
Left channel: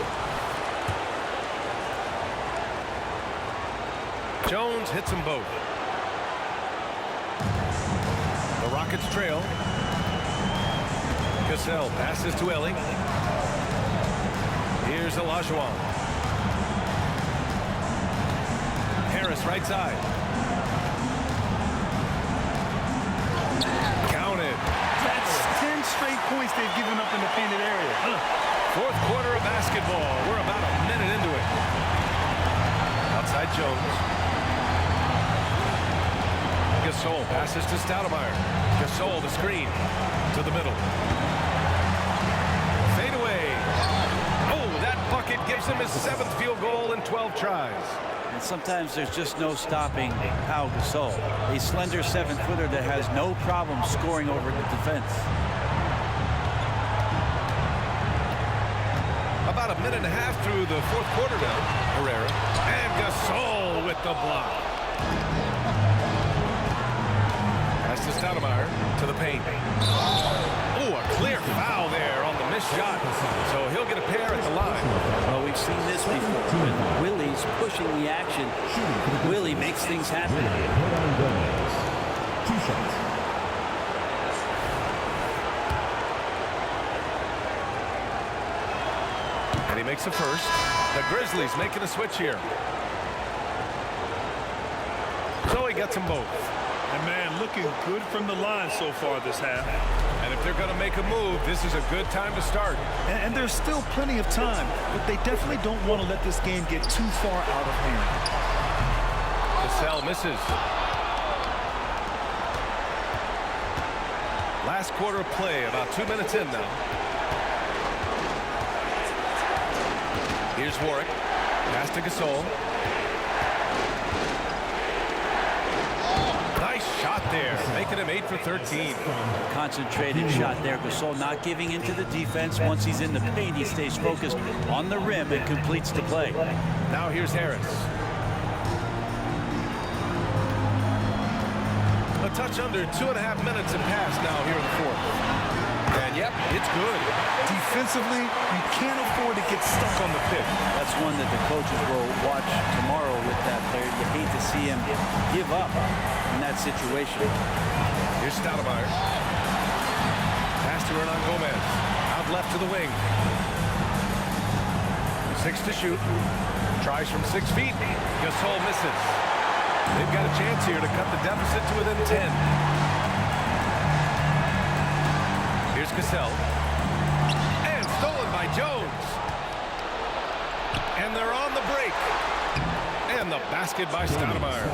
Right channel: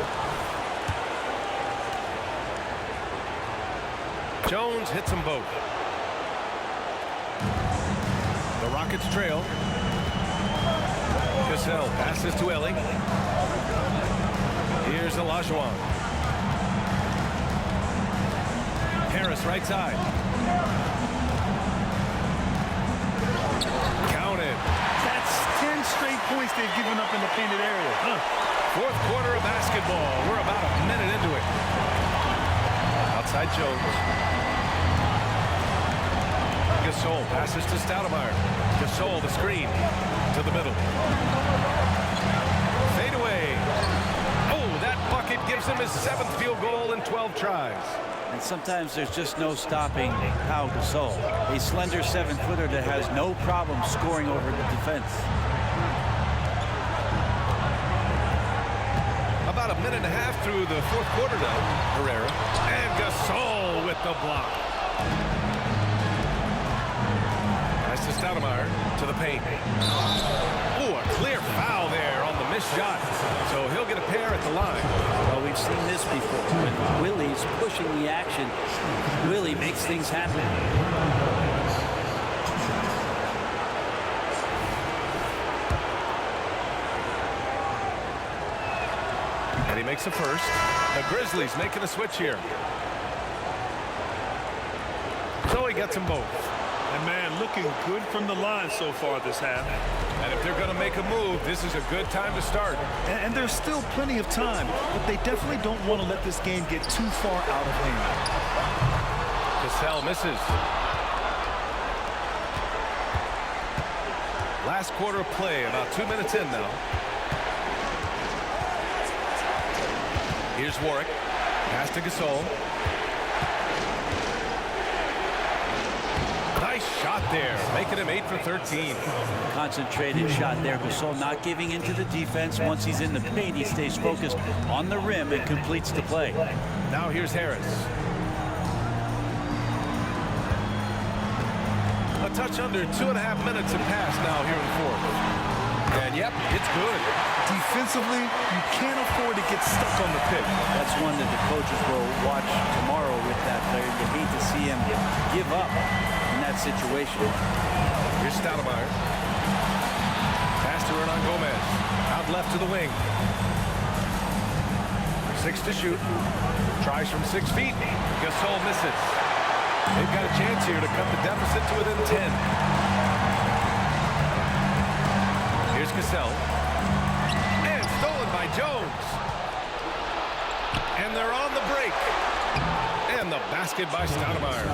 Jones hits them both. The Rockets trail. Cassell passes to Ellie. Here's Olajuwon. Harris right side. Counted. That's 10 straight points they've given up in the painted area. 4th quarter of basketball. We're about a minute into it. Outside Jones. Gasol passes to Stoudemire. Gasol the screen to the middle. Fade away. Oh, that bucket gives him his 7th field goal in 12 tries. And sometimes there's just no stopping Pau Gasol, a slender 7-footer that has no problem scoring over the defense. About a minute and a half through the 4th quarter now. Herrera and Gasol with the block. Pass to Stoudemire to the paint. Oh, a clear foul there on the missed shot. So he'll get a pair at the line. Well, we've seen this before. When Willie's pushing the action, Willie makes things happen. 2 shots. And he makes a first. The Grizzlies making a switch here. So he gets them both. And man, looking good from the line so far this half. And if they're going to make a move, this is a good time to start. And there's still plenty of time, but they definitely don't want to let this game get too far out of hand. Cassell misses. Last quarter of play, about 2 minutes in now. Here's Warwick. Pass to Gasol. Nice shot there, making him 8 for 13. Concentrated shot there. Gasol not giving into the defense. Once he's in the paint, he stays focused on the rim and completes the play. Now here's Harris. A touch under 2.5 minutes have passed now here in the 4th. And yep, it's good. Defensively, you can't afford to get stuck on the pick. That's one that the coaches will watch tomorrow with that player. You hate to see him give up in that situation. Here's Stoudemire. Pass to Hernan Gomez. Out left to the wing. 6 to shoot. Tries from 6 feet. Gasol misses. They've got a chance here to cut the deficit to within 10. Here's Cassell. And stolen by Jones. And they're on the break. And the basket by Stoudemire.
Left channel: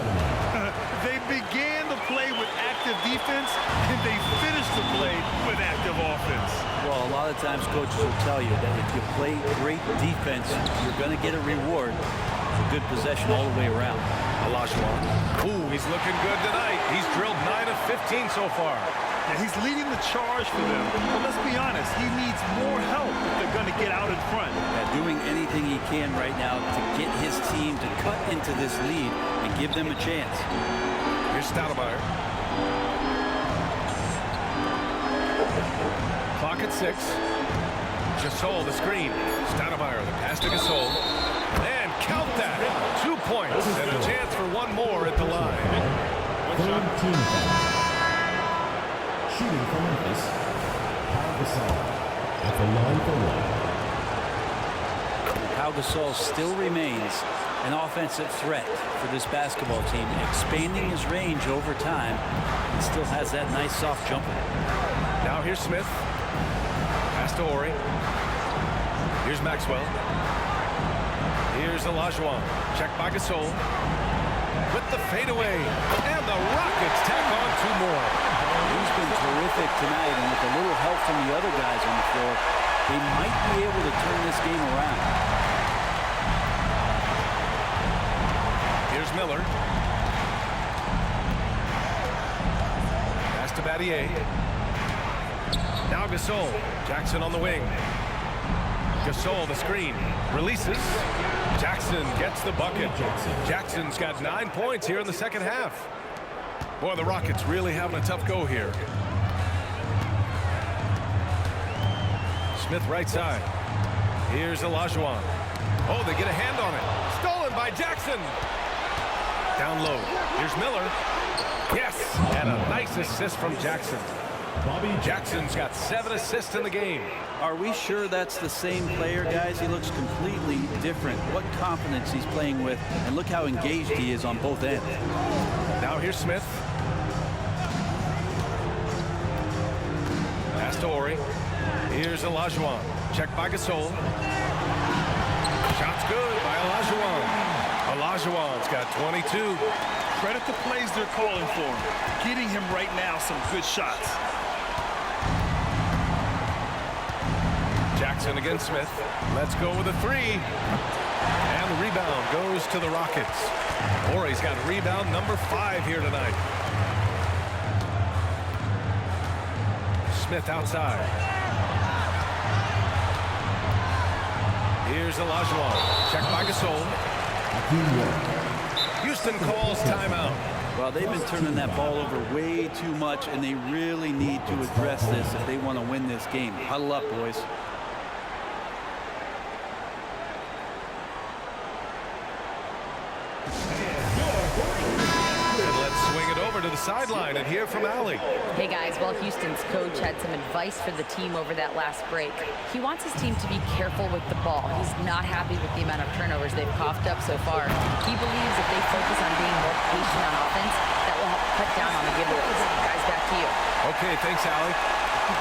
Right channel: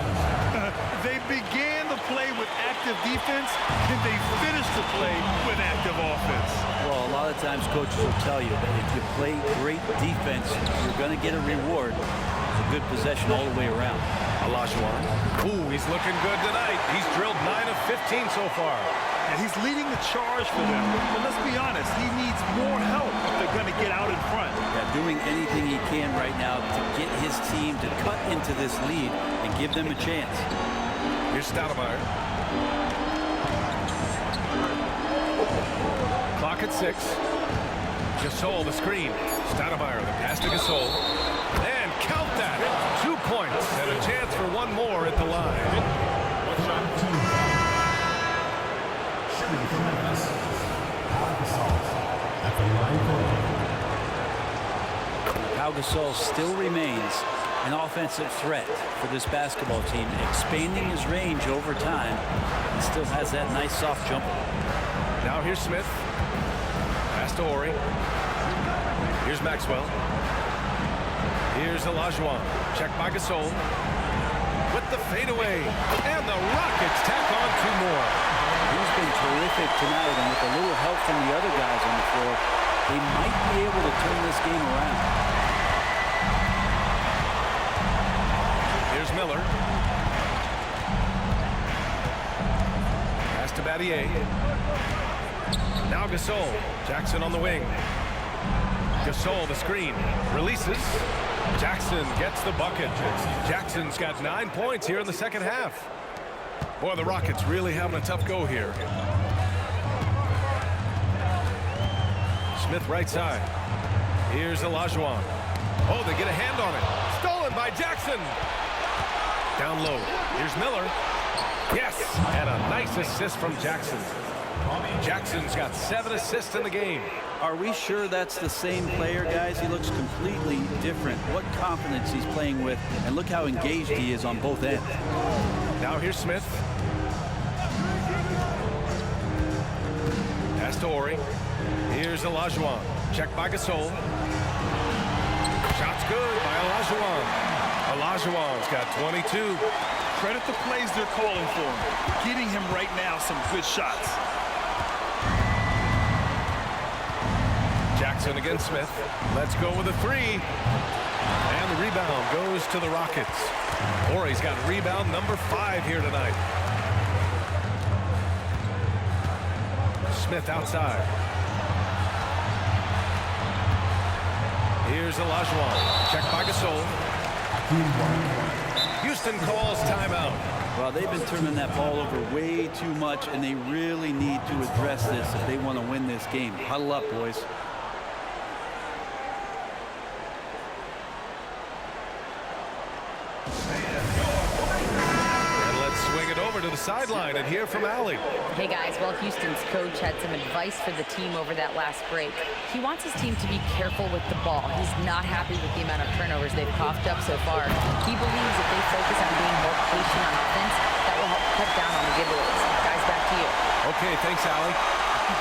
They began the play with active defense, and they finished the play with active offense. Well, a lot of times coaches will tell you that if you play great defense, you're going to get a reward. It's a good possession all the way around. Olajuwon. Ooh, he's looking good tonight. He's drilled 9 of 15 so far. Yeah, he's leading the charge for them. But let's be honest, he needs more help if they're going to get out in front. Yeah, doing anything he can right now to get his team to cut into this lead and give them a chance. Here's Stoudemire. Clock at 6. Gasol the screen. Stoudemire the pass to Gasol. And count that. 2 points and a chance for one more at the line. One shot. Team foul. Shooting for Memphis. Pau Gasol at the line for one. Pau Gasol still remains an offensive threat for this basketball team, expanding his range over time and still has that nice soft jumper. Now here's Smith. Pass to Horry. Here's Maxwell. Here's Olajuwon. Check by Gasol. With the fadeaway. And the Rockets tack on 2 more. He's been terrific tonight, and with a little help from the other guys on the floor, they might be able to turn this game around. Here's Miller. Pass to Battier. Now Gasol. Jackson on the wing. Gasol the screen. Releases. Jackson gets the bucket. Jackson's got 9 points here in the second half. Boy, the Rockets really having a tough go here. Smith right side. Here's Olajuwon. Oh, they get a hand on it. Stolen by Jackson. Down low. Here's Miller. Yes, and a nice assist from Jackson. Jackson's got 7 assists in the game. Are we sure that's the same player, guys? He looks completely different. What confidence he's playing with, and look how engaged he is on both ends. Now here's Smith. Pass to Horry. Here's Olajuwon. Check by Gasol. Shot's good by Olajuwon. Olajuwon's got 22. Credit the plays they're calling for him. Getting him right now some good shots. Jackson against Smith. Let's go with a 3. And the rebound goes to the Rockets. Horry's got rebound number 5 here tonight. Smith outside. Here's Olajuwon. Check by Gasol. Houston calls timeout. Well, they've been turning that ball over way too much, and they really need to address this if they want to win this game. Huddle up, boys. Swing it over to the sideline and hear from Allie. Hey guys, well, Houston's coach had some advice for the team over that last break. He wants his team to be careful with the ball. He's not happy with the amount of turnovers they've coughed up so far. He believes if they focus on being more patient on offense, that will help cut down on the giveaways. Guys, back to you. Okay, thanks, Allie.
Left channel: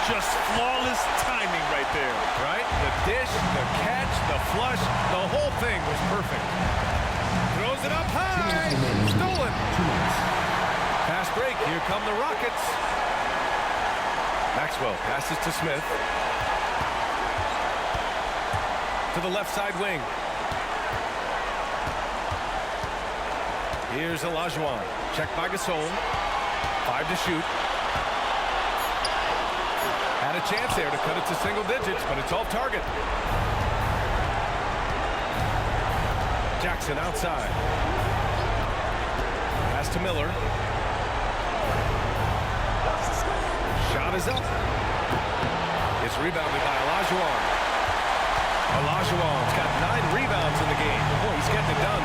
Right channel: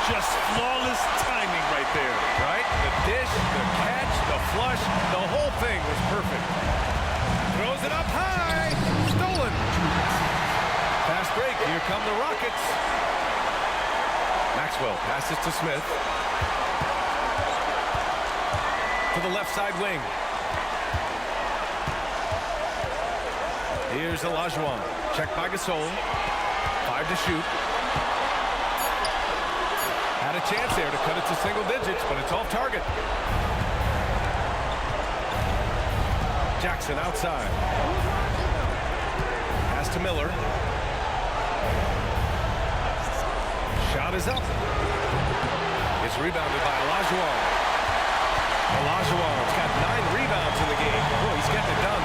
Just flawless timing right there. Right? The dish, the catch, the flush, the whole thing was perfect. Throws it up high. Stolen. Fast break. Here come the Rockets. Maxwell passes to Smith. To the left side wing. Here's Olajuwon. Check by Gasol. 5 to shoot. Had a chance there to cut it to single digits, but it's off target. Jackson outside. Pass to Miller. Shot is up. It's rebounded by Olajuwon. Olajuwon's got 9 rebounds in the game. Boy, he's getting it done.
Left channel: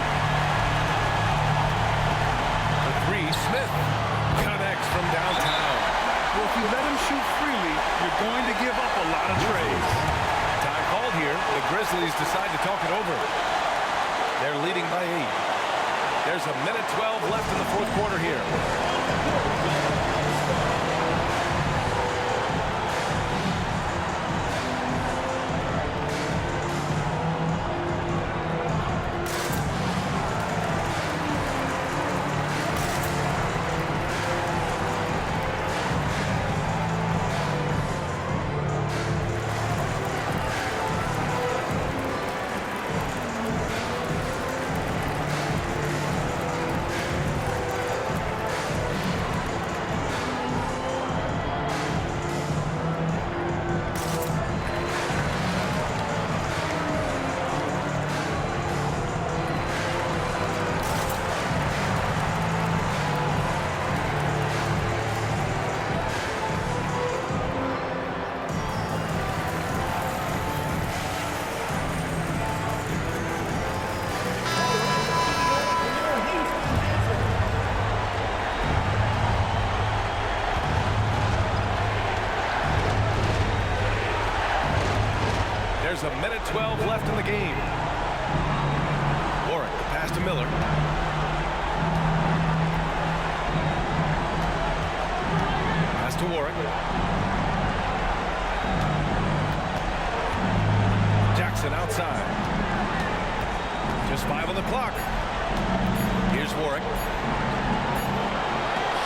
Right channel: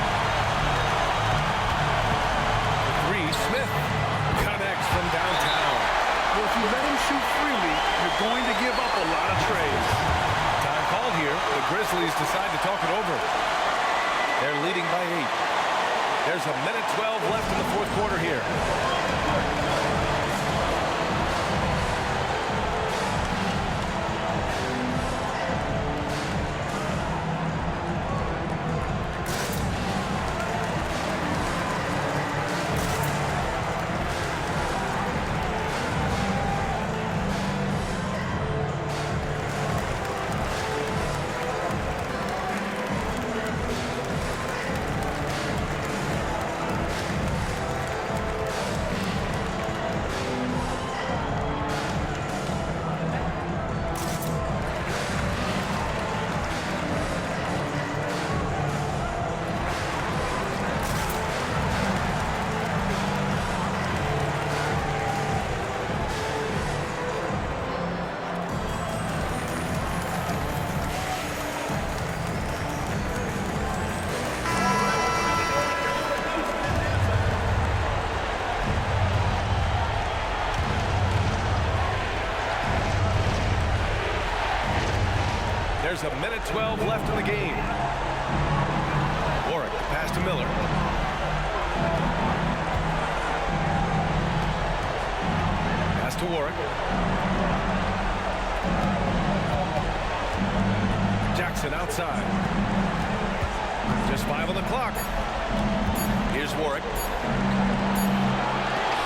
For 3, Smith connects from downtown. Well, if you let him shoot freely, you're going to give up a lot of trays. Time called here. The Grizzlies decide to talk it over. They're leading by 8. There's a minute 12 left in the fourth quarter here. There's a minute 12 left in the game. Warwick, the pass to Miller. Pass to Warwick. Jackson outside. Just 5 on the clock. Here's Warwick.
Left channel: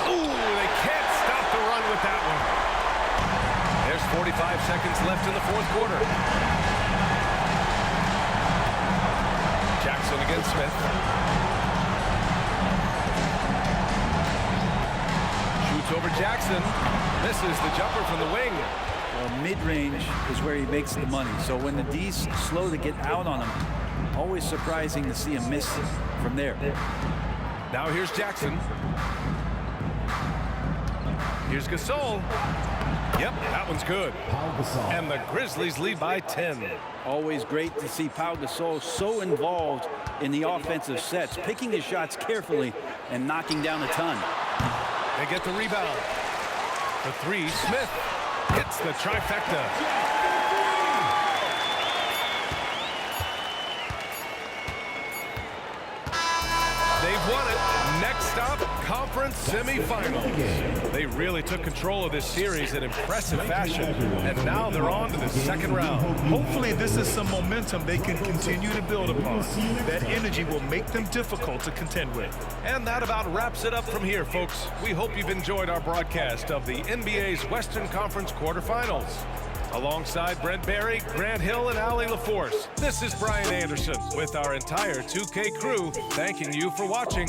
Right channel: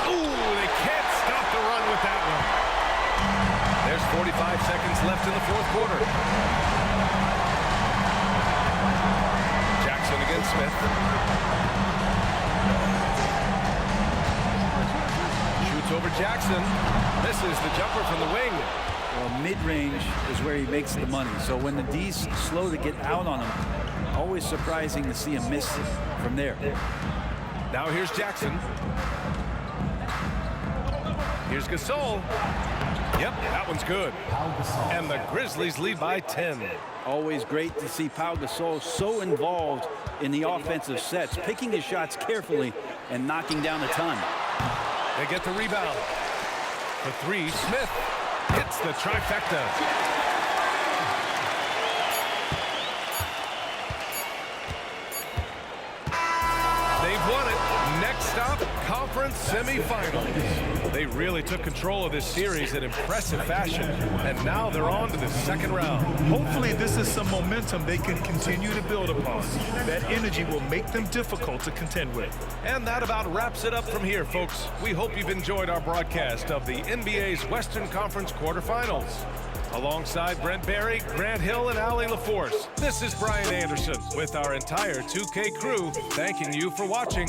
Ooh, they can't stop the run with that one. There's 45 seconds left in the fourth quarter. Jackson against Smith. Shoots over Jackson. Misses the jumper from the wing. Well, mid-range is where he makes the money. So when the D's slow to get out on him, always surprising to see him miss from there. Now here's Jackson. Here's Gasol. Yep, that one's good. And the Grizzlies lead by 10. Always great to see Pau Gasol so involved in the offensive sets, picking his shots carefully and knocking down a ton. They get the rebound. For 3, Smith hits the trifecta. They've won it. Next stop, conference semifinals. They really took control of this series in impressive fashion, and now they're on to the second round. Hopefully this is some momentum they can continue to build upon. That energy will make them difficult to contend with. And that about wraps it up from here, folks. We hope you've enjoyed our broadcast of the NBA's Western Conference quarterfinals. Alongside Brent Barry, Grant Hill, and Allie LaForce, this is Brian Anderson with our entire 2K crew thanking you for watching.